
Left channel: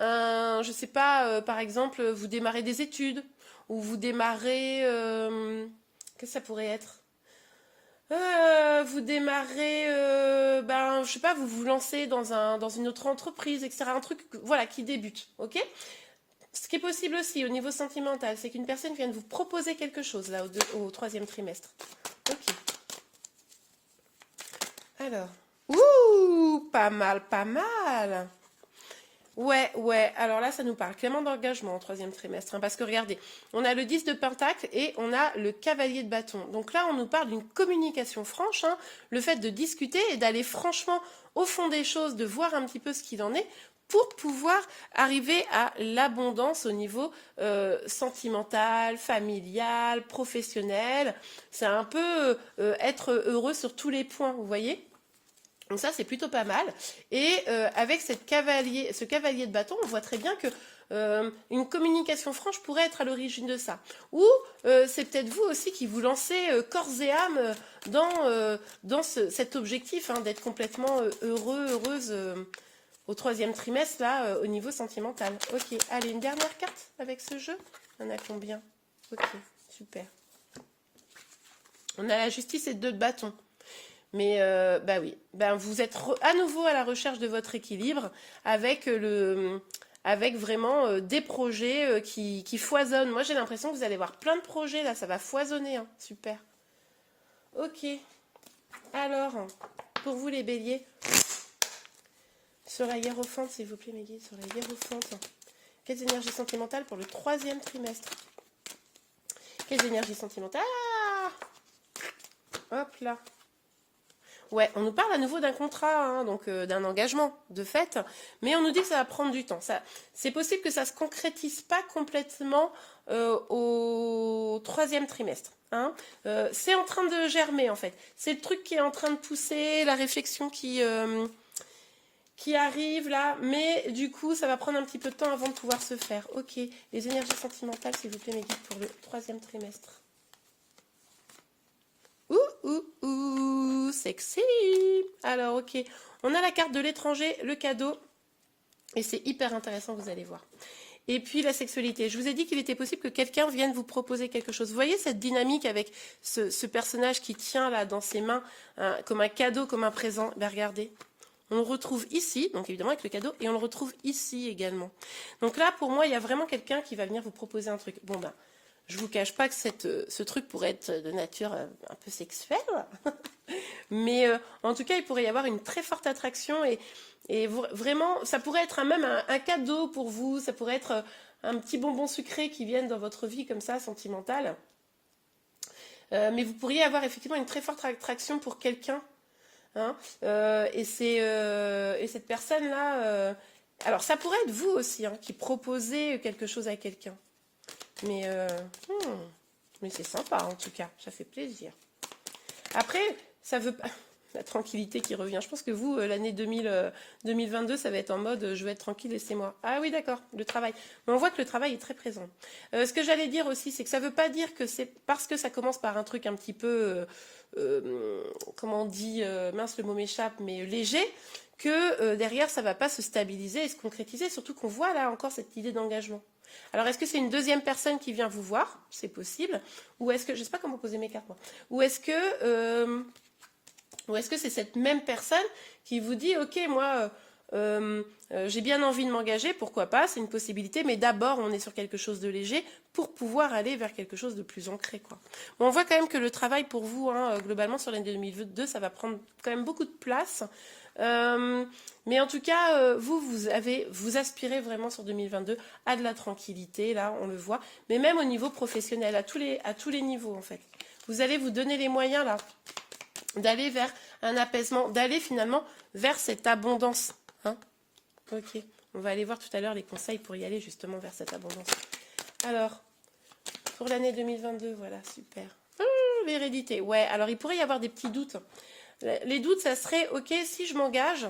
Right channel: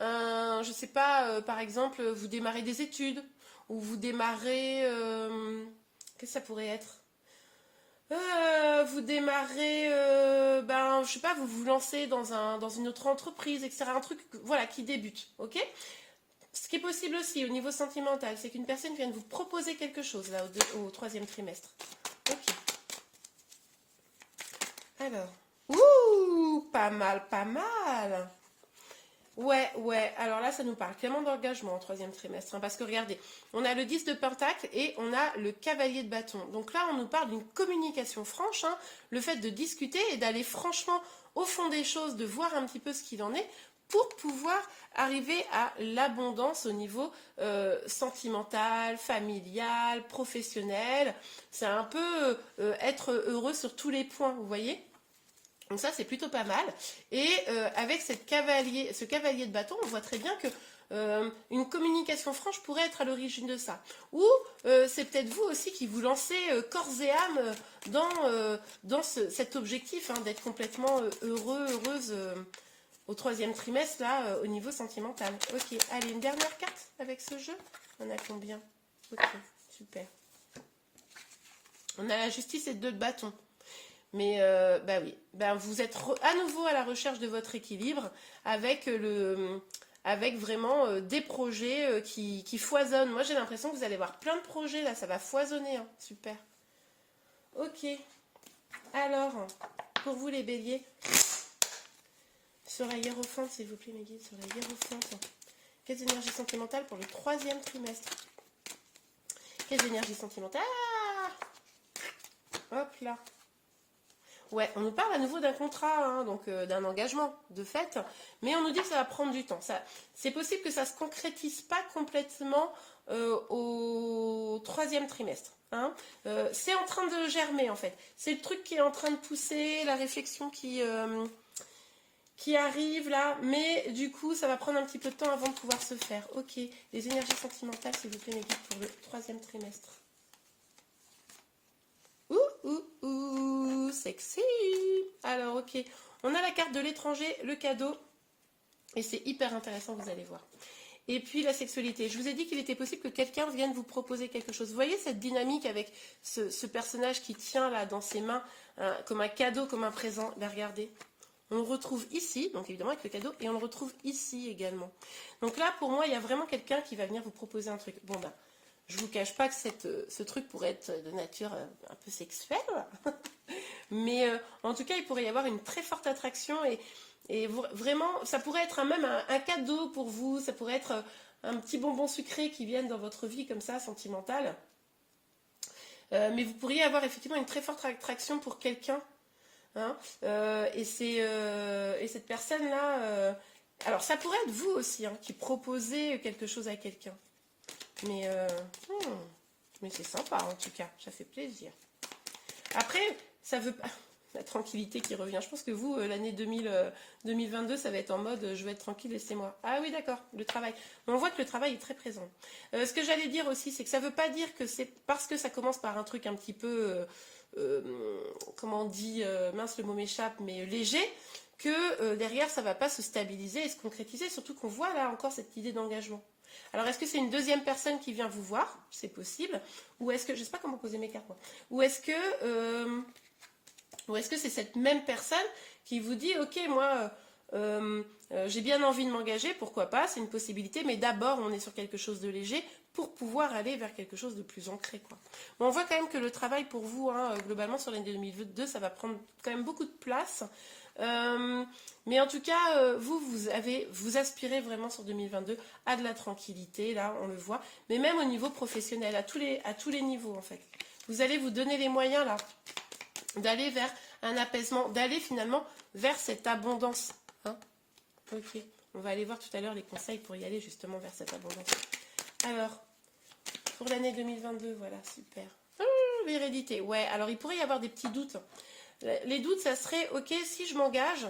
je sais pas, par exemple, vous démarrez des études ou vous démarrez, qu'est-ce que ça pourrait être? Vous démarrez, je sais pas, vous vous lancez dans une autre entreprise, etc. Un truc, voilà, qui débute, ok? Ce qui est possible aussi au niveau sentimental, c'est qu'une personne vienne vous proposer quelque chose là au troisième trimestre. Ok. Alors, pas mal, pas mal. Ouais. Alors là, ça nous parle clairement d'engagement en troisième trimestre. Hein, parce que regardez, on a le 10 de Pentacle et on a le cavalier de bâton. Donc là, on nous parle d'une communication franche. Hein, le fait de discuter et d'aller franchement au fond des choses, de voir un petit peu ce qu'il en est pour pouvoir arriver à l'abondance au niveau sentimental, familial, professionnel. C'est un peu être heureux sur tous les points, vous voyez ? Donc ça, c'est plutôt pas mal. Et avec ce cavalier de bâton, on voit très bien que une communication franche pourrait être à l'origine de ça. Ou c'est peut-être vous aussi qui vous lancez corps et âme dans cet objectif hein, d'être complètement heureuse au troisième trimestre, là, au niveau sentimental. Ok, allez, une dernière carte avec ce jeu. On a combien? Ok, super. On a la justice et 2 de bâton. Mais oui, vous êtes à nouveau à la recherche de votre équilibre avec vraiment des projets qui foisonnent. Moi, j'ai l'impression que vous allez avoir plein de projets là, ça va foisonner, hein. Super. Ok. Alors, pour vous les béliers, sur la hiérophante, s'il vous plaît, mes guides, sur la hiérophante. Quelles énergies sentimentales pour le troisième trimestre? Quelles énergies sentimentales? Hop là. Ouais, on nous parle à nouveau d'un contrat, hein, donc d'un engagement de fait, mais on nous dit que ça va prendre du temps. C'est possible que ça ne se concrétise pas complètement au troisième trimestre. Hein. C'est en train de germer en fait. C'est le truc qui est en train de pousser, la réflexion qui arrive là, mais du coup ça va prendre un petit peu de temps avant de pouvoir se faire. Ok, les énergies sentimentales s'il vous plaît mes guides pour le troisième trimestre. Sexy. Alors ok, on a la carte de l'étranger, le cadeau, et c'est hyper intéressant, vous allez voir. Et puis la sexualité, je vous ai dit qu'il était possible que quelqu'un vienne vous proposer quelque chose. Vous voyez cette dynamique avec ce personnage qui tient là dans ses mains comme un cadeau, comme un présent. Ben, regardez, on le retrouve ici, donc évidemment avec le cadeau, et on le retrouve ici également. Donc là, pour moi, il y a vraiment quelqu'un qui va venir vous proposer un truc. Bon ben, je vous cache pas que ce truc pourrait être de nature un peu sexuelle, mais en tout cas, il pourrait y avoir une très forte attraction et vraiment, ça pourrait être même un cadeau pour vous, ça pourrait être un petit bonbon sucré qui vienne dans votre vie comme ça, sentimentale. Mais vous pourriez avoir effectivement une très forte attraction pour quelqu'un. Hein, et cette personne-là, alors ça pourrait être vous aussi, hein, qui proposez quelque chose à quelqu'un. Mais c'est sympa en tout cas, ça fait plaisir. Après, ça veut pas... La tranquillité qui revient. Je pense que vous, l'année 2022, ça va être en mode je vais être tranquille, laissez-moi. Ah oui, d'accord, le travail. Mais on voit que le travail est très présent. Ce que j'allais dire aussi, c'est que ça ne veut pas dire que c'est parce que ça commence par un truc un petit peu, comment on dit, mince le mot m'échappe, mais léger, que derrière ça ne va pas se stabiliser et se concrétiser, surtout qu'on voit là encore cette idée d'engagement. Alors, est-ce que c'est une deuxième personne qui vient vous voir? C'est possible. Ou est-ce que, je ne sais pas comment poser mes cartes, moi. Ou est-ce que c'est cette même personne qui vous dit, ok, moi, j'ai bien envie de m'engager, pourquoi pas, c'est une possibilité, mais d'abord, on est sur quelque chose de léger pour pouvoir aller vers quelque chose de plus ancré, quoi. Bon, on voit quand même que le travail pour vous, hein, globalement, sur l'année 2022, ça va prendre quand même beaucoup de place. Mais en tout cas, vous aspirez vraiment sur 2022 à de la tranquillité, là, on le voit, mais même au niveau professionnel, à tous les niveaux, en fait. Vous allez vous donner les moyens, là, d'aller vers un apaisement, d'aller finalement vers cette abondance. Hein, ok, on va aller voir tout à l'heure les conseils pour y aller justement vers cette abondance. Alors, pour l'année 2022, voilà, super. l'hérédité. Ouais, alors il pourrait y avoir des petits doutes. Les doutes, ça serait, ok, si je m'engage,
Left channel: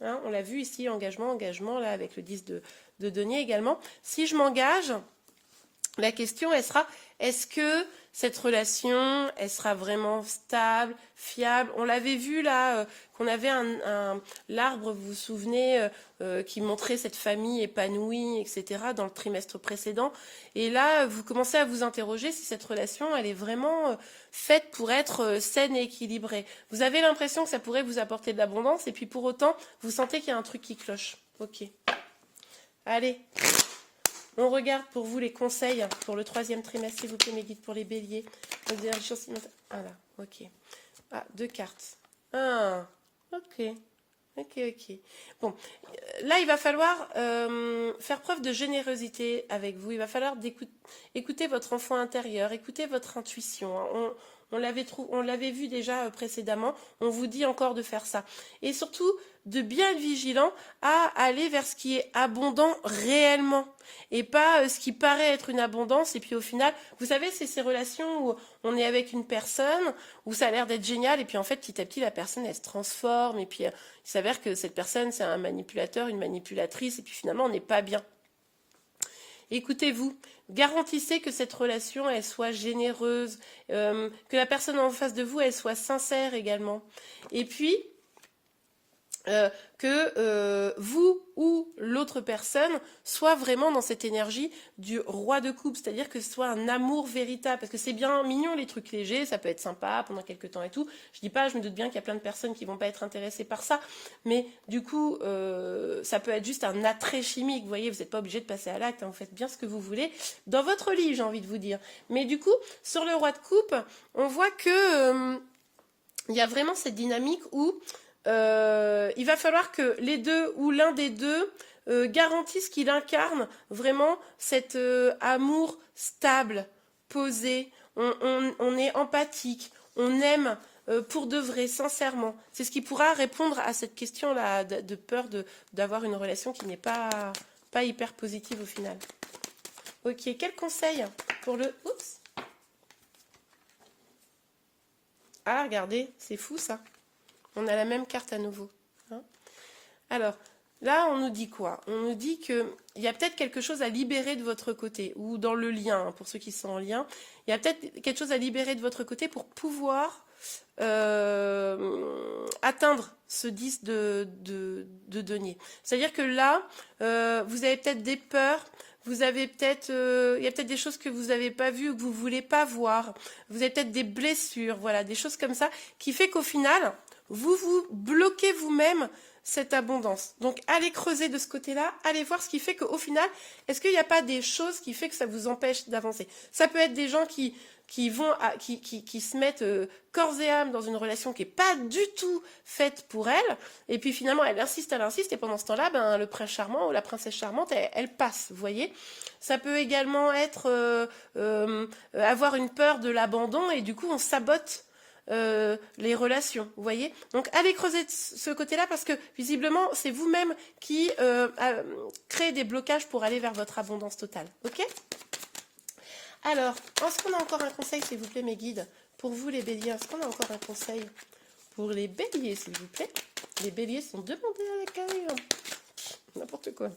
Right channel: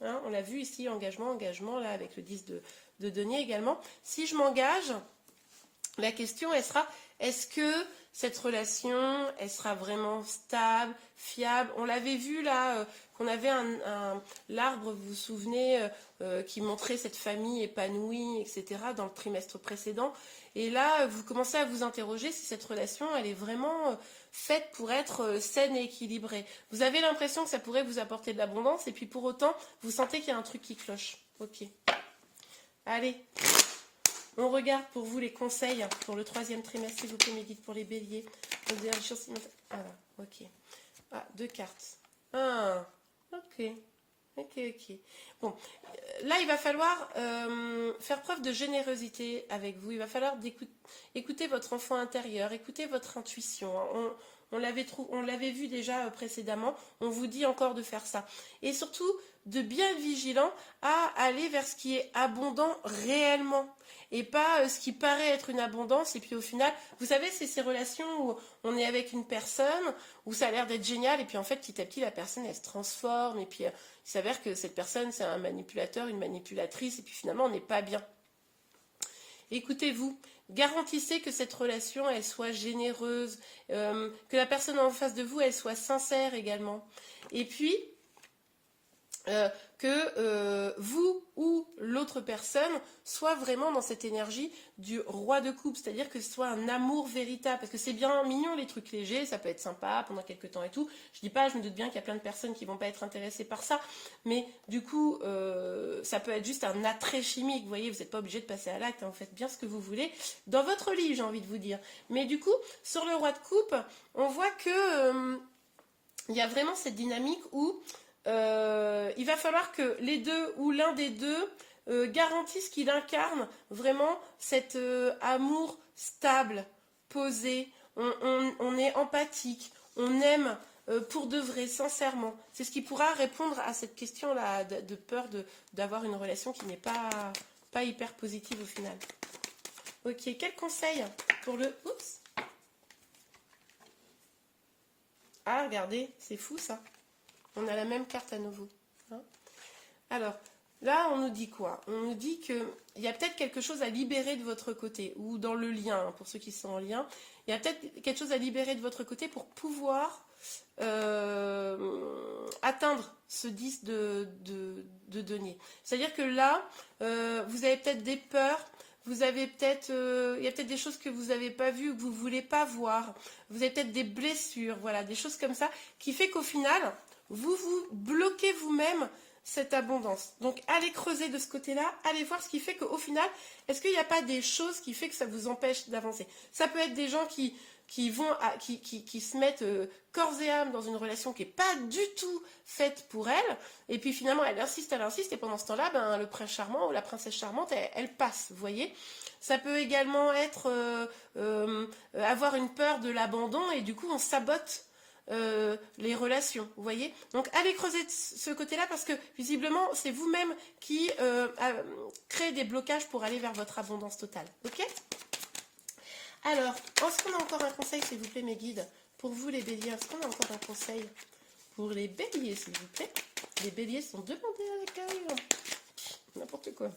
hein, on l'a vu ici, engagement, là, avec le 10 de denier également. Si je m'engage, la question, elle sera, est-ce que cette relation, elle sera vraiment stable, fiable? On l'avait vu là, qu'on avait l'arbre, vous vous souvenez, qui montrait cette famille épanouie, etc., dans le trimestre précédent. Et là, vous commencez à vous interroger si cette relation, elle est vraiment faite pour être saine et équilibrée. Vous avez l'impression que ça pourrait vous apporter de l'abondance, et puis pour autant, vous sentez qu'il y a un truc qui cloche. Ok. Allez. On regarde pour vous les conseils pour le 3e trimestre, s'il vous plaît, mes guides pour les béliers. Voilà, ok. Ah, 2 cartes. Ah, ok. Ok. Bon, là, il va falloir faire preuve de générosité avec vous. Il va falloir écouter votre enfant intérieur, écouter votre intuition. On l'avait vu déjà précédemment. On vous dit encore de faire ça. Et surtout, de bien être vigilant à aller vers ce qui est abondant réellement. Et pas ce qui paraît être une abondance. Et puis au final, vous savez, c'est ces relations où on est avec une personne, où ça a l'air d'être génial. Et puis en fait, petit à petit, la personne, elle se transforme. Et puis il s'avère que cette personne, c'est un manipulateur, une manipulatrice. Et puis finalement, on n'est pas bien. Écoutez-vous, garantissez que cette relation, elle soit généreuse, que la personne en face de vous, elle soit sincère également. Et puis, que vous ou l'autre personne soit vraiment dans cette énergie du roi de coupe, c'est-à-dire que ce soit un amour véritable, parce que c'est bien mignon les trucs légers, ça peut être sympa pendant quelques temps et tout, je me doute bien qu'il y a plein de personnes qui vont pas être intéressées par ça, mais du coup ça peut être juste un attrait chimique, vous voyez, vous n'êtes pas obligé de passer à l'acte, hein, vous faites bien ce que vous voulez, dans votre lit j'ai envie de vous dire, mais du coup sur le roi de coupe, on voit que il y a vraiment cette dynamique où il va falloir que les deux ou l'un des deux garantisse qu'il incarne vraiment cet amour stable, posé, on est empathique, on aime pour de vrai, sincèrement. C'est ce qui pourra répondre à cette question-là de peur d'avoir une relation qui n'est pas hyper positive au final. Ok, quel conseil pour le... Oups. Ah, regardez, c'est fou ça. On a la même carte à nouveau. Hein. Alors, là, on nous dit quoi? On nous dit qu'il y a peut-être quelque chose à libérer de votre côté, ou dans le lien, hein, pour ceux qui sont en lien. Il y a peut-être quelque chose à libérer de votre côté pour pouvoir atteindre ce 10 de denier. C'est-à-dire que là, vous avez peut-être des peurs, vous avez peut-être, il y a peut-être des choses que vous n'avez pas vues ou que vous ne voulez pas voir. Vous avez peut-être des blessures, voilà, des choses comme ça, qui fait qu'au final... vous bloquez vous-même cette abondance. Donc, allez creuser de ce côté-là, allez voir ce qui fait qu'au final, est-ce qu'il n'y a pas des choses qui fait que ça vous empêche d'avancer? Ça peut être des gens qui se mettent corps et âme dans une relation qui n'est pas du tout faite pour elle, et puis finalement, elle insiste, et pendant ce temps-là, ben, le prince charmant ou la princesse charmante, elle passe, vous voyez? Ça peut également être avoir une peur de l'abandon, et du coup, on sabote les relations, vous voyez. Donc allez creuser de ce côté-là parce que visiblement c'est vous-même qui créez des blocages pour aller vers votre abondance totale, ok? Alors, est-ce qu'on a encore un conseil, s'il vous plaît, mes guides, pour vous les béliers? Est-ce qu'on a encore un conseil pour les béliers, s'il vous plaît? Les béliers sont demandés à l'accueil. N'importe quoi.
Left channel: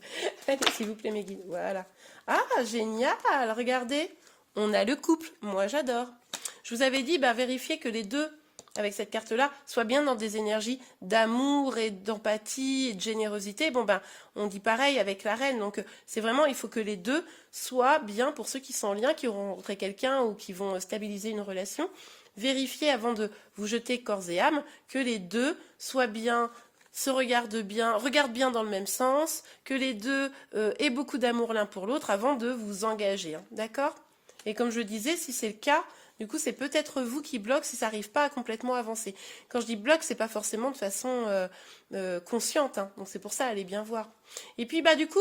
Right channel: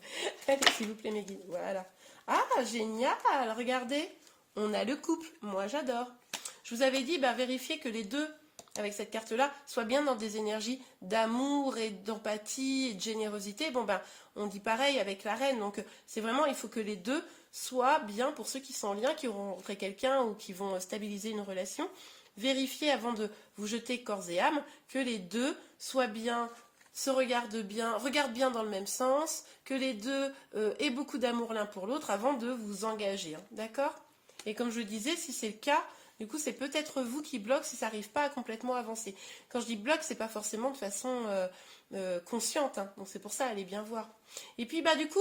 Allez, s'il vous plaît, mes guides. Voilà. Ah, génial. Regardez, on a le couple. Moi, j'adore. Je vous avais dit, vérifiez que les deux, avec cette carte-là, soient bien dans des énergies d'amour et d'empathie et de générosité. Bon, on dit pareil avec la reine. Donc, c'est vraiment, il faut que les deux soient bien, pour ceux qui sont en lien, qui auront rencontré quelqu'un ou qui vont stabiliser une relation. Vérifiez avant de vous jeter corps et âme que les deux soient bien, se regardent bien dans le même sens, que les deux aient beaucoup d'amour l'un pour l'autre avant de vous engager. Hein, d'accord? Et comme je le disais, si c'est le cas, du coup, c'est peut-être vous qui bloque si ça n'arrive pas à complètement avancer. Quand je dis bloque, c'est pas forcément de façon consciente. Hein. Donc c'est pour ça, allez bien voir. Et puis, du coup,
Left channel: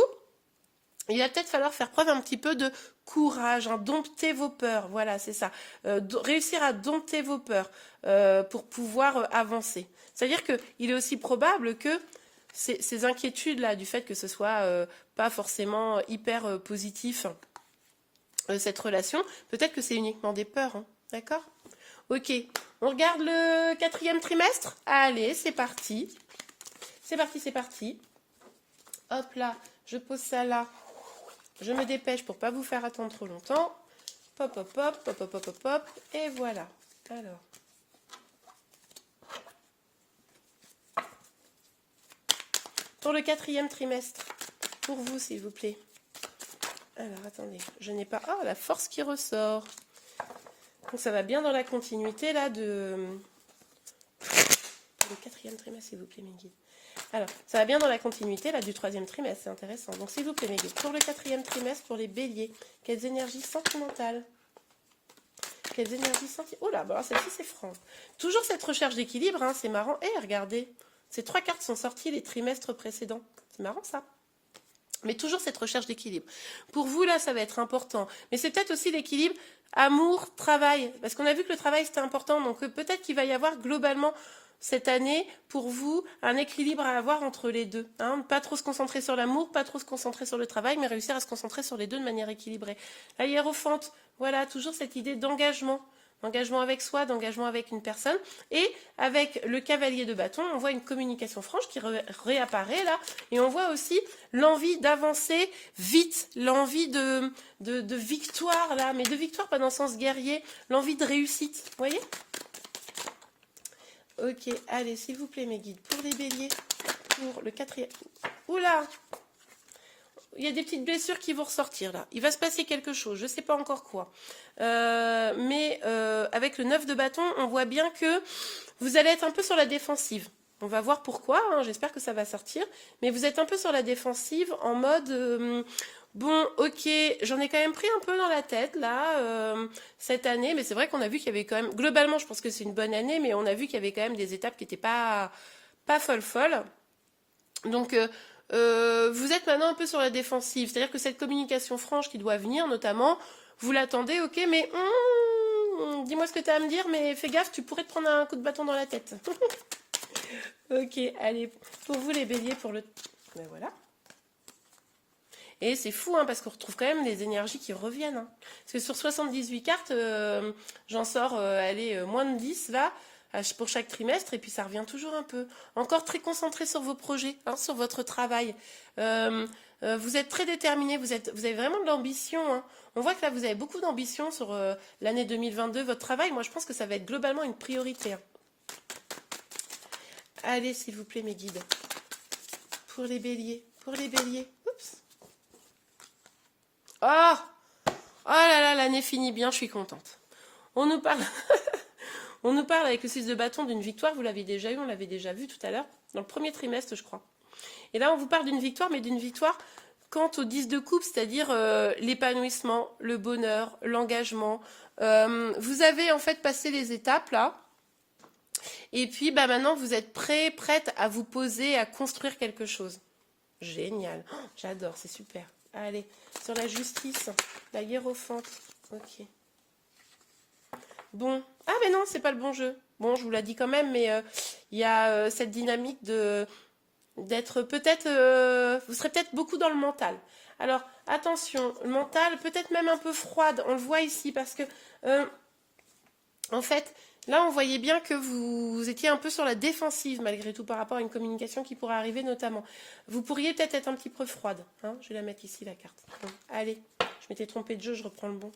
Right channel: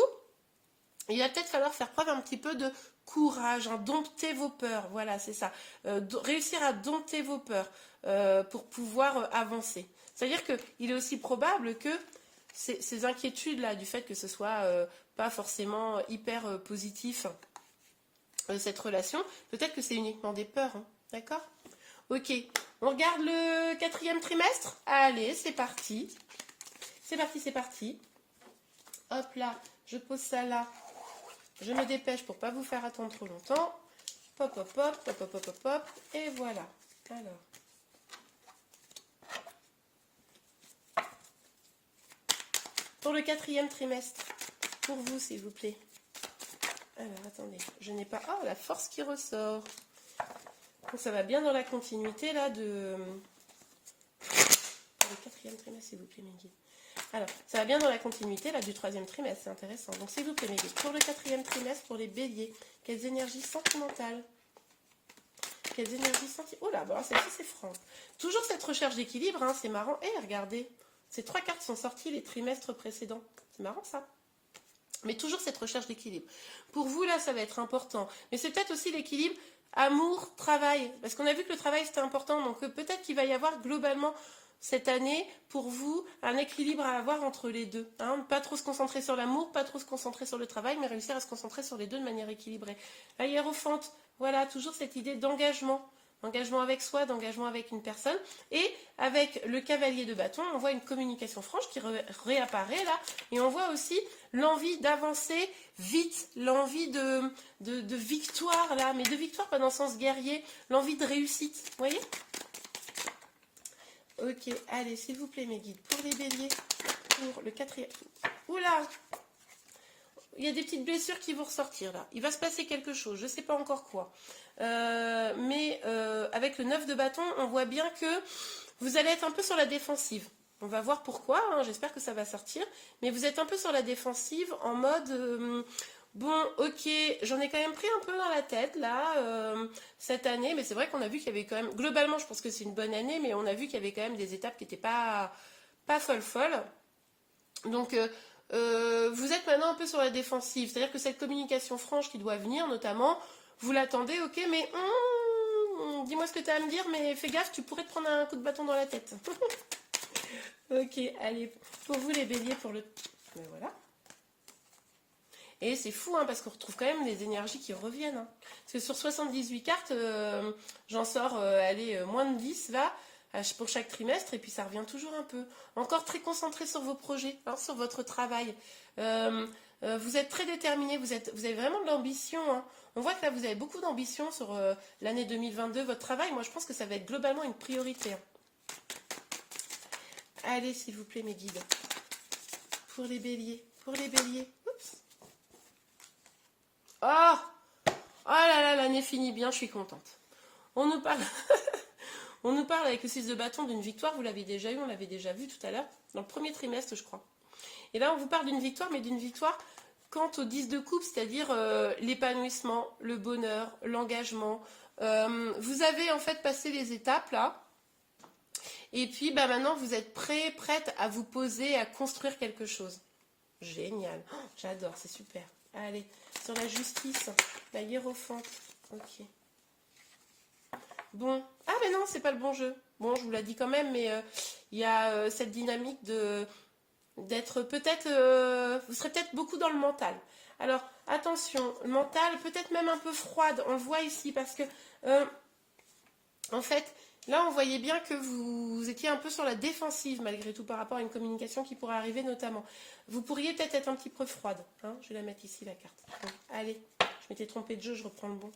il va peut-être falloir faire preuve un petit peu de courage, hein, dompter vos peurs. Voilà, c'est ça. Réussir à dompter vos peurs pour pouvoir avancer. C'est-à-dire qu'il est aussi probable que ces inquiétudes-là, du fait que ce soit pas forcément hyper positif, cette relation, peut-être que c'est uniquement des peurs, hein, d'accord? Ok, on regarde le 4e trimestre. Allez, c'est parti. C'est parti, c'est parti. Hop là, je pose ça là. Je me dépêche pour pas vous faire attendre trop longtemps. Pop, hop, hop, pop, hop, hop, hop, hop. Et voilà. Alors. Pour le 4e trimestre. Pour vous, s'il vous plaît. Alors, attendez. Je n'ai pas... Oh, la force qui ressort. Donc, ça va bien dans la continuité, là, de... Pour le 4e trimestre, s'il vous plaît, mes guides. Alors, ça va bien dans la continuité, là, du 3e trimestre. C'est intéressant. Donc, s'il vous plaît, mes guides. Pour le 4e trimestre, pour les béliers, quelles énergies sentimentales? Quelles énergies sentimentales? Oh là, bon, celle-ci, c'est franc. Toujours cette recherche d'équilibre, hein, c'est marrant. Eh, regardez. Ces 3 cartes sont sorties les trimestres précédents. C'est marrant, ça. Mais toujours cette recherche d'équilibre. Pour vous, là, ça va être important. Mais c'est peut-être aussi l'équilibre amour, travail. Parce qu'on a vu que le travail, c'était important. Donc, peut-être qu'il va y avoir globalement, cette année, pour vous, un équilibre à avoir entre les deux. Hein. Pas trop se concentrer sur l'amour, pas trop se concentrer sur le travail, mais réussir à se concentrer sur les deux de manière équilibrée. La hiérophante, voilà, toujours cette idée d'engagement. D'engagement avec soi, d'engagement avec une personne. Et avec le cavalier de bâton, on voit une communication franche qui réapparaît là. Et on voit aussi l'envie d'avancer vite, l'envie de victoire là, mais de victoire pas dans le sens guerrier, l'envie de réussite. Vous voyez? Ok, allez, s'il vous plaît, mes guides, pour les béliers, pour le 4e... Oula! Il y a des petites blessures qui vont ressortir là. Il va se passer quelque chose, je ne sais pas encore quoi. Mais avec le 9 de bâton, on voit bien que vous allez être un peu sur la défensive. On va voir pourquoi, hein, j'espère que ça va sortir. Mais vous êtes un peu sur la défensive en mode... bon, ok, j'en ai quand même pris un peu dans la tête, là, cette année. Mais c'est vrai qu'on a vu qu'il y avait quand même... Globalement, je pense que c'est une bonne année, mais on a vu qu'il y avait quand même des étapes qui n'étaient pas folles. Donc... vous êtes maintenant un peu sur la défensive, c'est-à-dire que cette communication franche qui doit venir, notamment, vous l'attendez, ok, mais dis-moi ce que tu as à me dire, mais fais gaffe, tu pourrais te prendre un coup de bâton dans la tête. Ok, allez, pour vous les béliers, pour le... Ben voilà. Et c'est fou, hein, parce qu'on retrouve quand même les énergies qui reviennent. Hein. Parce que sur 78 cartes, j'en sors, allez, moins de 10, là, pour chaque trimestre, et puis ça revient toujours un peu. Encore très concentré sur vos projets, hein, sur votre travail. Vous êtes très déterminé, vous avez vraiment de l'ambition. Hein. On voit que là, vous avez beaucoup d'ambition sur l'année 2022. Votre travail, moi, je pense que ça va être globalement une priorité. Hein. Allez, s'il vous plaît, mes guides. Pour les béliers. Pour les béliers. Oups. Oh, oh là là, l'année finit bien, je suis contente. On nous parle... On nous parle avec le 6 de bâton d'une victoire, vous l'avez déjà eu, on l'avait déjà vu tout à l'heure, dans le premier trimestre, je crois. Et là, on vous parle d'une victoire, mais d'une victoire quant au 10 de coupe, c'est-à-dire l'épanouissement, le bonheur, l'engagement. Vous avez en fait passé les étapes là, et puis bah, maintenant, vous êtes prête à vous poser, à construire quelque chose. Génial, oh, j'adore, c'est super. Allez, sur la justice, la hiérophante, ok. Bon, ah mais non, c'est pas le bon jeu. Bon, je vous l'ai dit quand même, mais il y a cette dynamique d'être peut-être... vous serez peut-être beaucoup dans le mental. Alors, attention, le mental, peut-être même un peu froide, on le voit ici, parce que, en fait, là, on voyait bien que vous étiez un peu sur la défensive, malgré tout, par rapport à une communication qui pourrait arriver, notamment. Vous pourriez peut-être être un petit peu froide. Hein, je vais la mettre ici, la carte. Bon, allez, je m'étais trompée de jeu, je reprends le bon.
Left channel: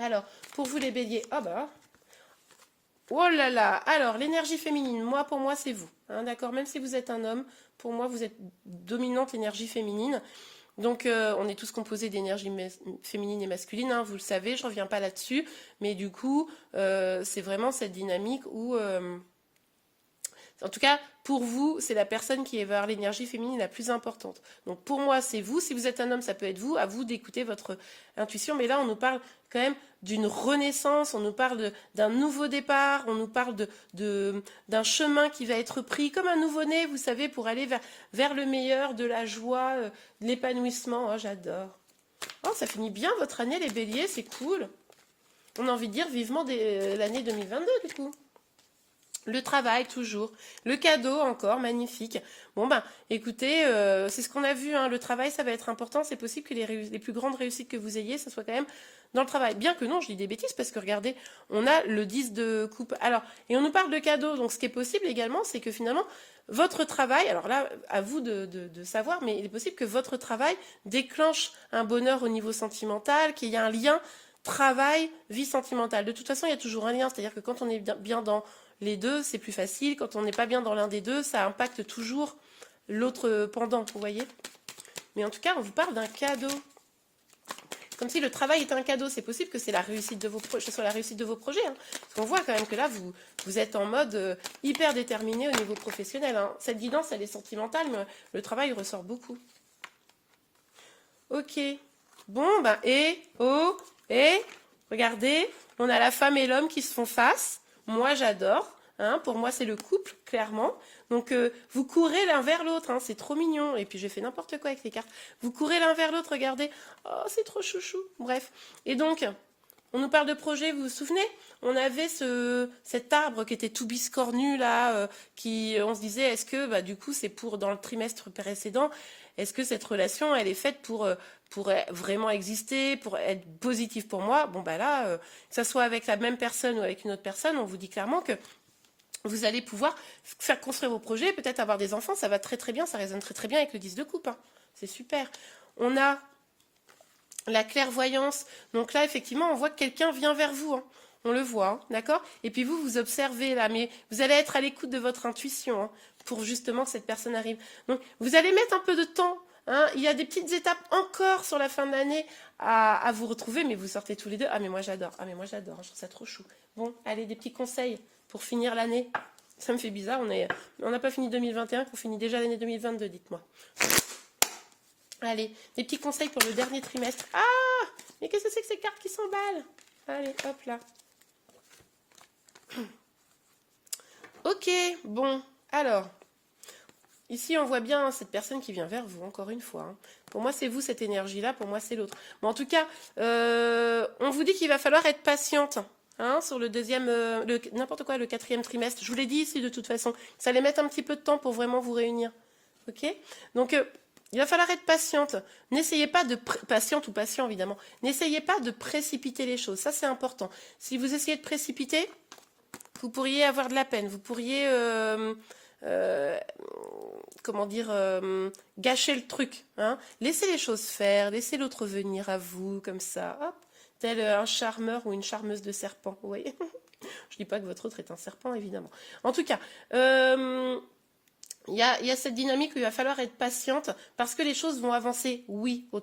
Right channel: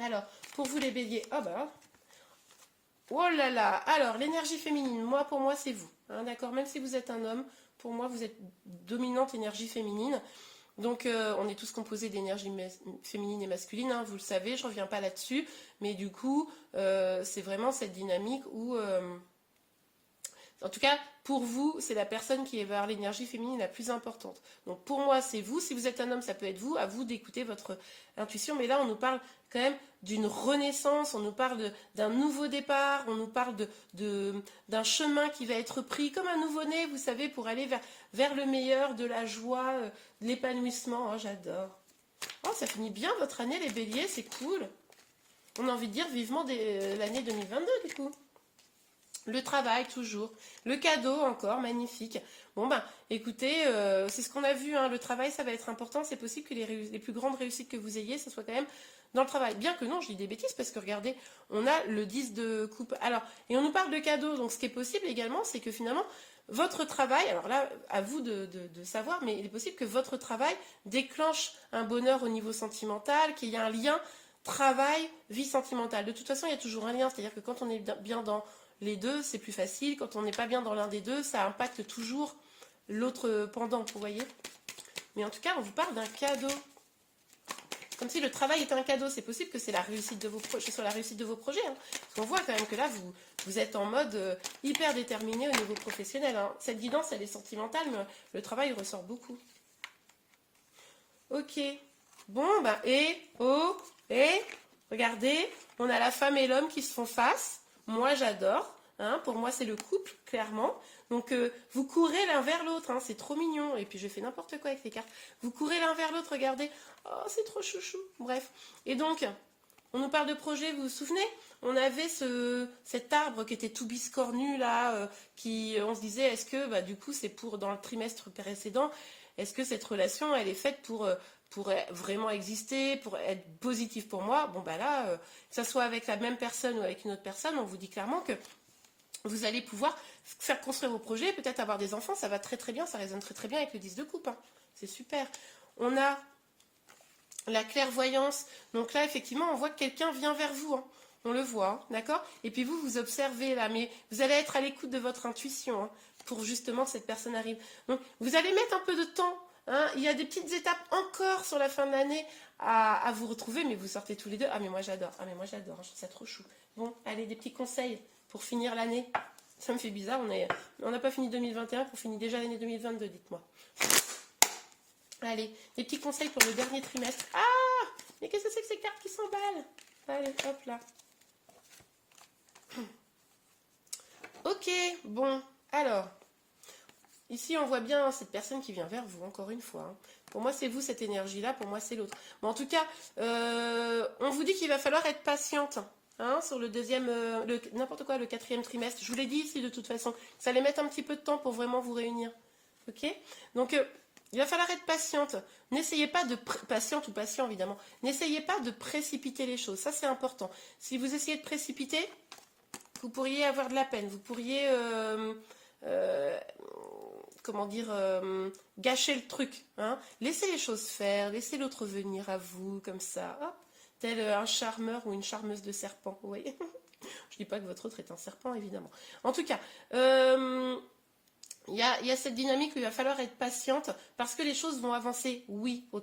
Alors, pour vous les béliers, oh bah, oh là là, alors l'énergie féminine, pour moi c'est vous, hein, d'accord, même si vous êtes un homme, pour moi vous êtes dominante l'énergie féminine, donc on est tous composés d'énergie féminine et masculine, hein, vous le savez, je ne reviens pas là-dessus, mais du coup, c'est vraiment cette dynamique où... en tout cas, pour vous, c'est la personne qui est vers l'énergie féminine la plus importante. Donc pour moi, c'est vous. Si vous êtes un homme, ça peut être vous. À vous d'écouter votre intuition. Mais là, on nous parle quand même d'une renaissance. On nous parle d'un nouveau départ. On nous parle d'un chemin qui va être pris comme un nouveau-né, vous savez, pour aller vers le meilleur, de la joie, de l'épanouissement. Oh, j'adore. Oh, ça finit bien votre année, les béliers. C'est cool. On a envie de dire vivement l'année 2022, du coup. Le travail, toujours. Le cadeau, encore, magnifique. Bon, ben, écoutez, c'est ce qu'on a vu, hein, le travail, ça va être important. C'est possible que les plus grandes réussites que vous ayez, ça soit quand même dans le travail. Bien que non, je dis des bêtises, parce que regardez, on a le 10 de coupe. Alors, et on nous parle de cadeau, donc ce qui est possible également, c'est que finalement, votre travail, alors là, à vous de savoir, mais il est possible que votre travail déclenche un bonheur au niveau sentimental, qu'il y ait un lien travail, vie sentimentale. De toute façon, il y a toujours un lien, c'est-à-dire que quand on est bien dans les deux, c'est plus facile. Quand on n'est pas bien dans l'un des deux, ça impacte toujours l'autre pendant, vous voyez. Mais en tout cas, on vous parle d'un cadeau. Comme si le travail était un cadeau. C'est possible que c'est la réussite de vos projets, soit la réussite de vos projets. Hein. Parce qu'on voit quand même que là, vous êtes en mode hyper déterminé au niveau professionnel. Hein. Cette guidance, elle est sentimentale, mais le travail ressort beaucoup. Ok. Bon, ben, regardez, on a la femme et l'homme qui se font face. Moi, j'adore. Hein, pour moi, c'est le couple, clairement. Donc, vous courez l'un vers l'autre. Hein, c'est trop mignon. Et puis, j'ai fait n'importe quoi avec les cartes. Vous courez l'un vers l'autre, regardez. Oh, c'est trop chouchou. Bref. Et donc, on nous parle de projet, vous vous souvenez? On avait cet arbre qui était tout biscornu, là, on se disait, est-ce que, bah, du coup, c'est pour, dans le trimestre précédent, est-ce que cette relation, elle est faite pour vraiment exister, pour être positive pour moi? Bon, bah là, que ça soit avec la même personne ou avec une autre personne, on vous dit clairement que vous allez pouvoir faire construire vos projets, peut-être avoir des enfants, ça va très très bien, ça résonne très très bien avec le 10 de coupe. Hein. C'est super. On a la clairvoyance. Donc là, effectivement, on voit que quelqu'un vient vers vous. Hein. On le voit, hein, d'accord? Et puis vous observez là, mais vous allez être à l'écoute de votre intuition hein, pour justement que cette personne arrive. Donc, vous allez mettre un peu de temps. Hein. Il y a des petites étapes encore sur la fin de l'année à vous retrouver, mais vous sortez tous les deux. Ah, mais moi j'adore. Ah, mais moi j'adore. Je trouve ça trop chou. Bon, allez, des petits conseils pour finir l'année. Ça me fait bizarre. On n'a pas fini 2021, qu'on finit déjà l'année 2022, dites-moi. Allez, des petits conseils pour le dernier trimestre. Ah, mais qu'est-ce que c'est que ces cartes qui s'emballent? Allez, hop là. Ok, bon, alors, ici on voit bien hein, cette personne qui vient vers vous, encore une fois. Hein. Pour moi, c'est vous cette énergie-là, pour moi, c'est l'autre. Bon, en tout cas, on vous dit qu'il va falloir être patiente hein, sur le deuxième, n'importe quoi, le quatrième trimestre. Je vous l'ai dit ici de toute façon. Ça allait mettre un petit peu de temps pour vraiment vous réunir. Ok? Donc, il va falloir être patiente. N'essayez pas de... Patiente ou patient, évidemment. N'essayez pas de précipiter les choses. Ça, c'est important. Si vous essayez de précipiter... Vous pourriez avoir de la peine, vous pourriez, comment dire, gâcher le truc. Hein. Laissez les choses faire, laissez l'autre venir à vous, comme ça, hop, tel un charmeur ou une charmeuse de serpent, vous voyez. Je dis pas que votre autre est un serpent, évidemment. En tout cas, il y a cette dynamique où il va falloir être patiente parce que les choses vont avancer, oui, au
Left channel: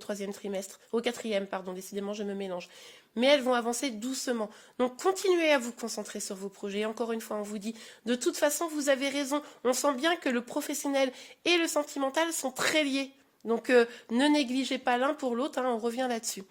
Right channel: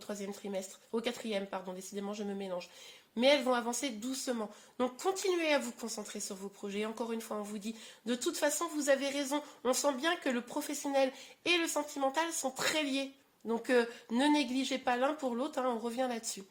quatrième, pardon, décidément, je me mélange. Mais elles vont avancer doucement. Donc, continuez à vous concentrer sur vos projets. Encore une fois, on vous dit, de toute façon, vous avez raison. On sent bien que le professionnel et le sentimental sont très liés. Donc, ne négligez pas l'un pour l'autre, hein, on revient là-dessus.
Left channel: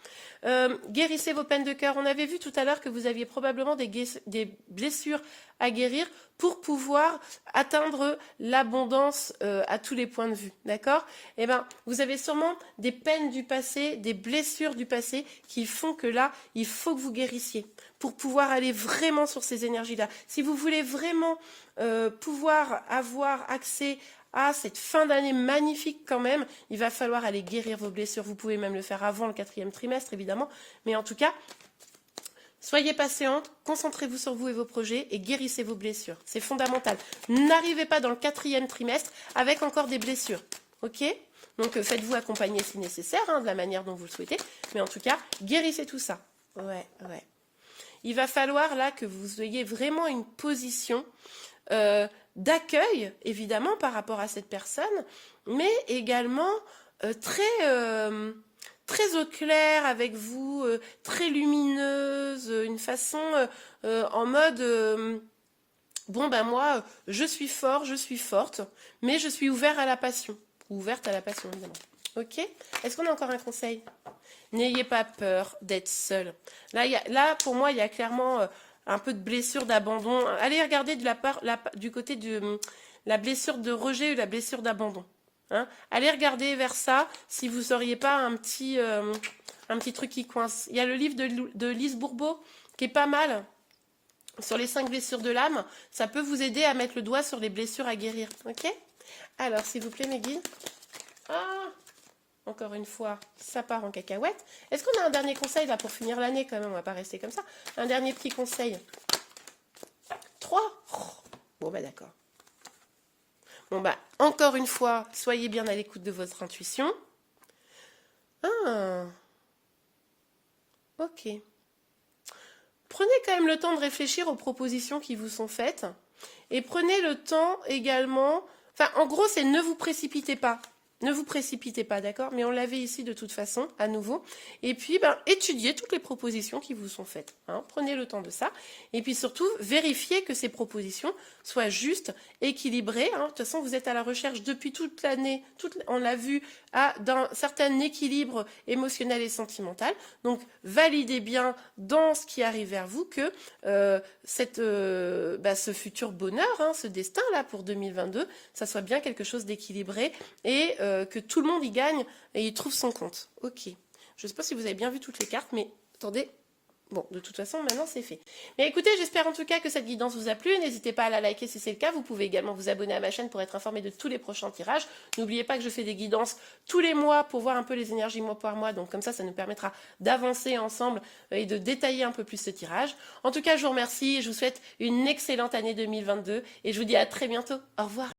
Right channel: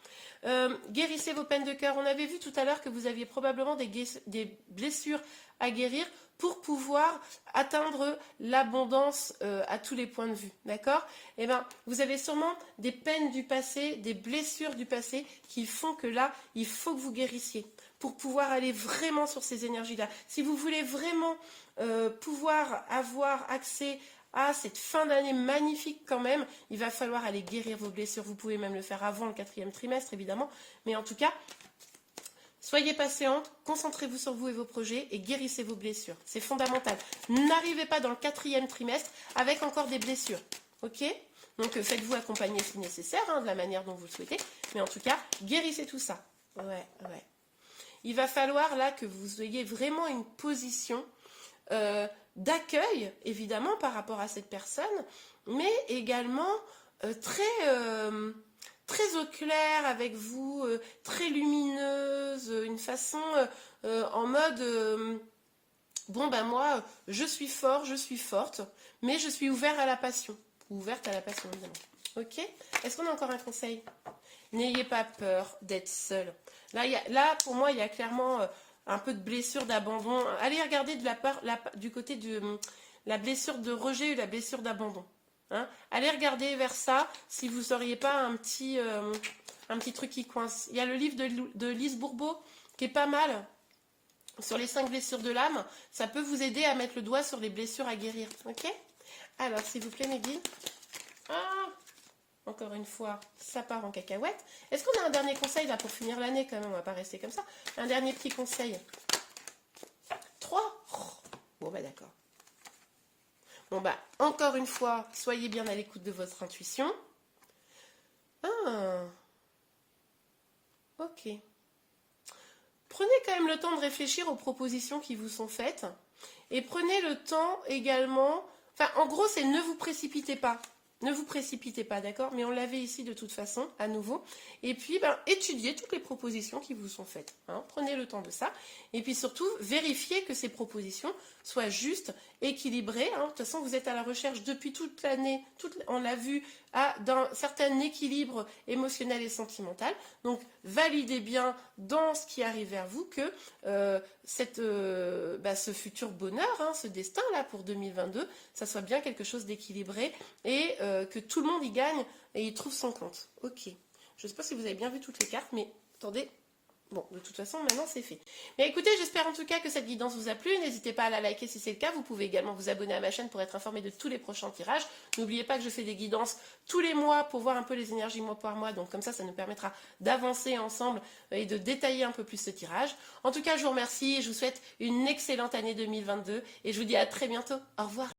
Guérissez vos peines de cœur. On avait vu tout à l'heure que vous aviez probablement des blessures à guérir pour pouvoir atteindre l'abondance à tous les points de vue, d'accord? Eh bien, vous avez sûrement des peines du passé, des blessures du passé qui font que là, il faut que vous guérissiez pour pouvoir aller vraiment sur ces énergies-là. Si vous voulez vraiment pouvoir avoir accès à cette fin d'année magnifique quand même, il va falloir aller guérir vos blessures. Vous pouvez même le faire avant le quatrième trimestre, évidemment, mais en tout cas, soyez patiente, concentrez-vous sur vous et vos projets et guérissez vos blessures. C'est fondamental. N'arrivez pas dans le quatrième trimestre avec encore des blessures. Ok? Donc faites-vous accompagner si nécessaire, hein, de la manière dont vous le souhaitez. Mais en tout cas, guérissez tout ça. Ouais. Il va falloir là que vous ayez vraiment une position d'accueil, évidemment, par rapport à cette personne, mais également très au clair avec vous, très lumineuse, une façon en mode bon ben moi je suis fort, je suis forte, mais je suis ouverte à la passion, évidemment. Ok? Est-ce qu'on a encore un conseil? N'ayez pas peur d'être seul. Là, pour moi, il y a clairement un peu de blessure d'abandon. Allez regarder du côté de la blessure de rejet ou la blessure d'abandon. Hein, allez regarder vers ça si vous n'auriez pas un petit truc qui coince. Il y a le livre de Lise Bourbeau qui est pas mal. sur les 5 blessures de l'âme, ça peut vous aider à mettre le doigt sur les blessures à guérir. Ok? Alors, s'il vous plaît, mes guides. Ah, encore une fois, ça part en cacahuète. Est-ce qu'on a un dernier conseil là pour finir l'année quand même? On va pas rester comme ça. Un dernier petit conseil. 3. Bon, bah d'accord. Bon, bah, encore une fois, soyez bien à l'écoute de votre intuition. Ah, ok. Prenez quand même le temps de réfléchir aux propositions qui vous sont faites. Et prenez le temps également... Enfin, en gros, c'est ne vous précipitez pas. Ne vous précipitez pas, d'accord? Mais on l'avait ici de toute façon, à nouveau. Et puis, ben, étudiez toutes les propositions qui vous sont faites. Hein. Prenez le temps de ça. Et puis surtout, vérifiez que ces propositions soient justes, équilibrées. Hein. De toute façon, vous êtes à la recherche depuis toute l'année, on l'a vu, d'un certain équilibre émotionnel et sentimental. Donc, validez bien dans ce qui arrive vers vous que ce futur bonheur, hein, ce destin-là pour 2022, ça soit bien quelque chose d'équilibré et que tout le monde y gagne et y trouve son compte. Ok. Je ne sais pas si vous avez bien vu toutes les cartes, mais attendez. Bon, de toute façon, maintenant, c'est fait. Mais écoutez, j'espère en tout cas que cette guidance vous a plu. N'hésitez pas à la liker si c'est le cas. Vous pouvez également vous abonner à ma chaîne pour être informé de tous les prochains tirages. N'oubliez pas que je fais des guidances tous les mois pour voir un peu les énergies mois par mois. Donc comme ça nous permettra d'avancer ensemble et de détailler un peu plus ce tirage. En tout cas, je vous remercie et je vous souhaite une excellente année 2022. Et je vous dis à très bientôt. Au revoir.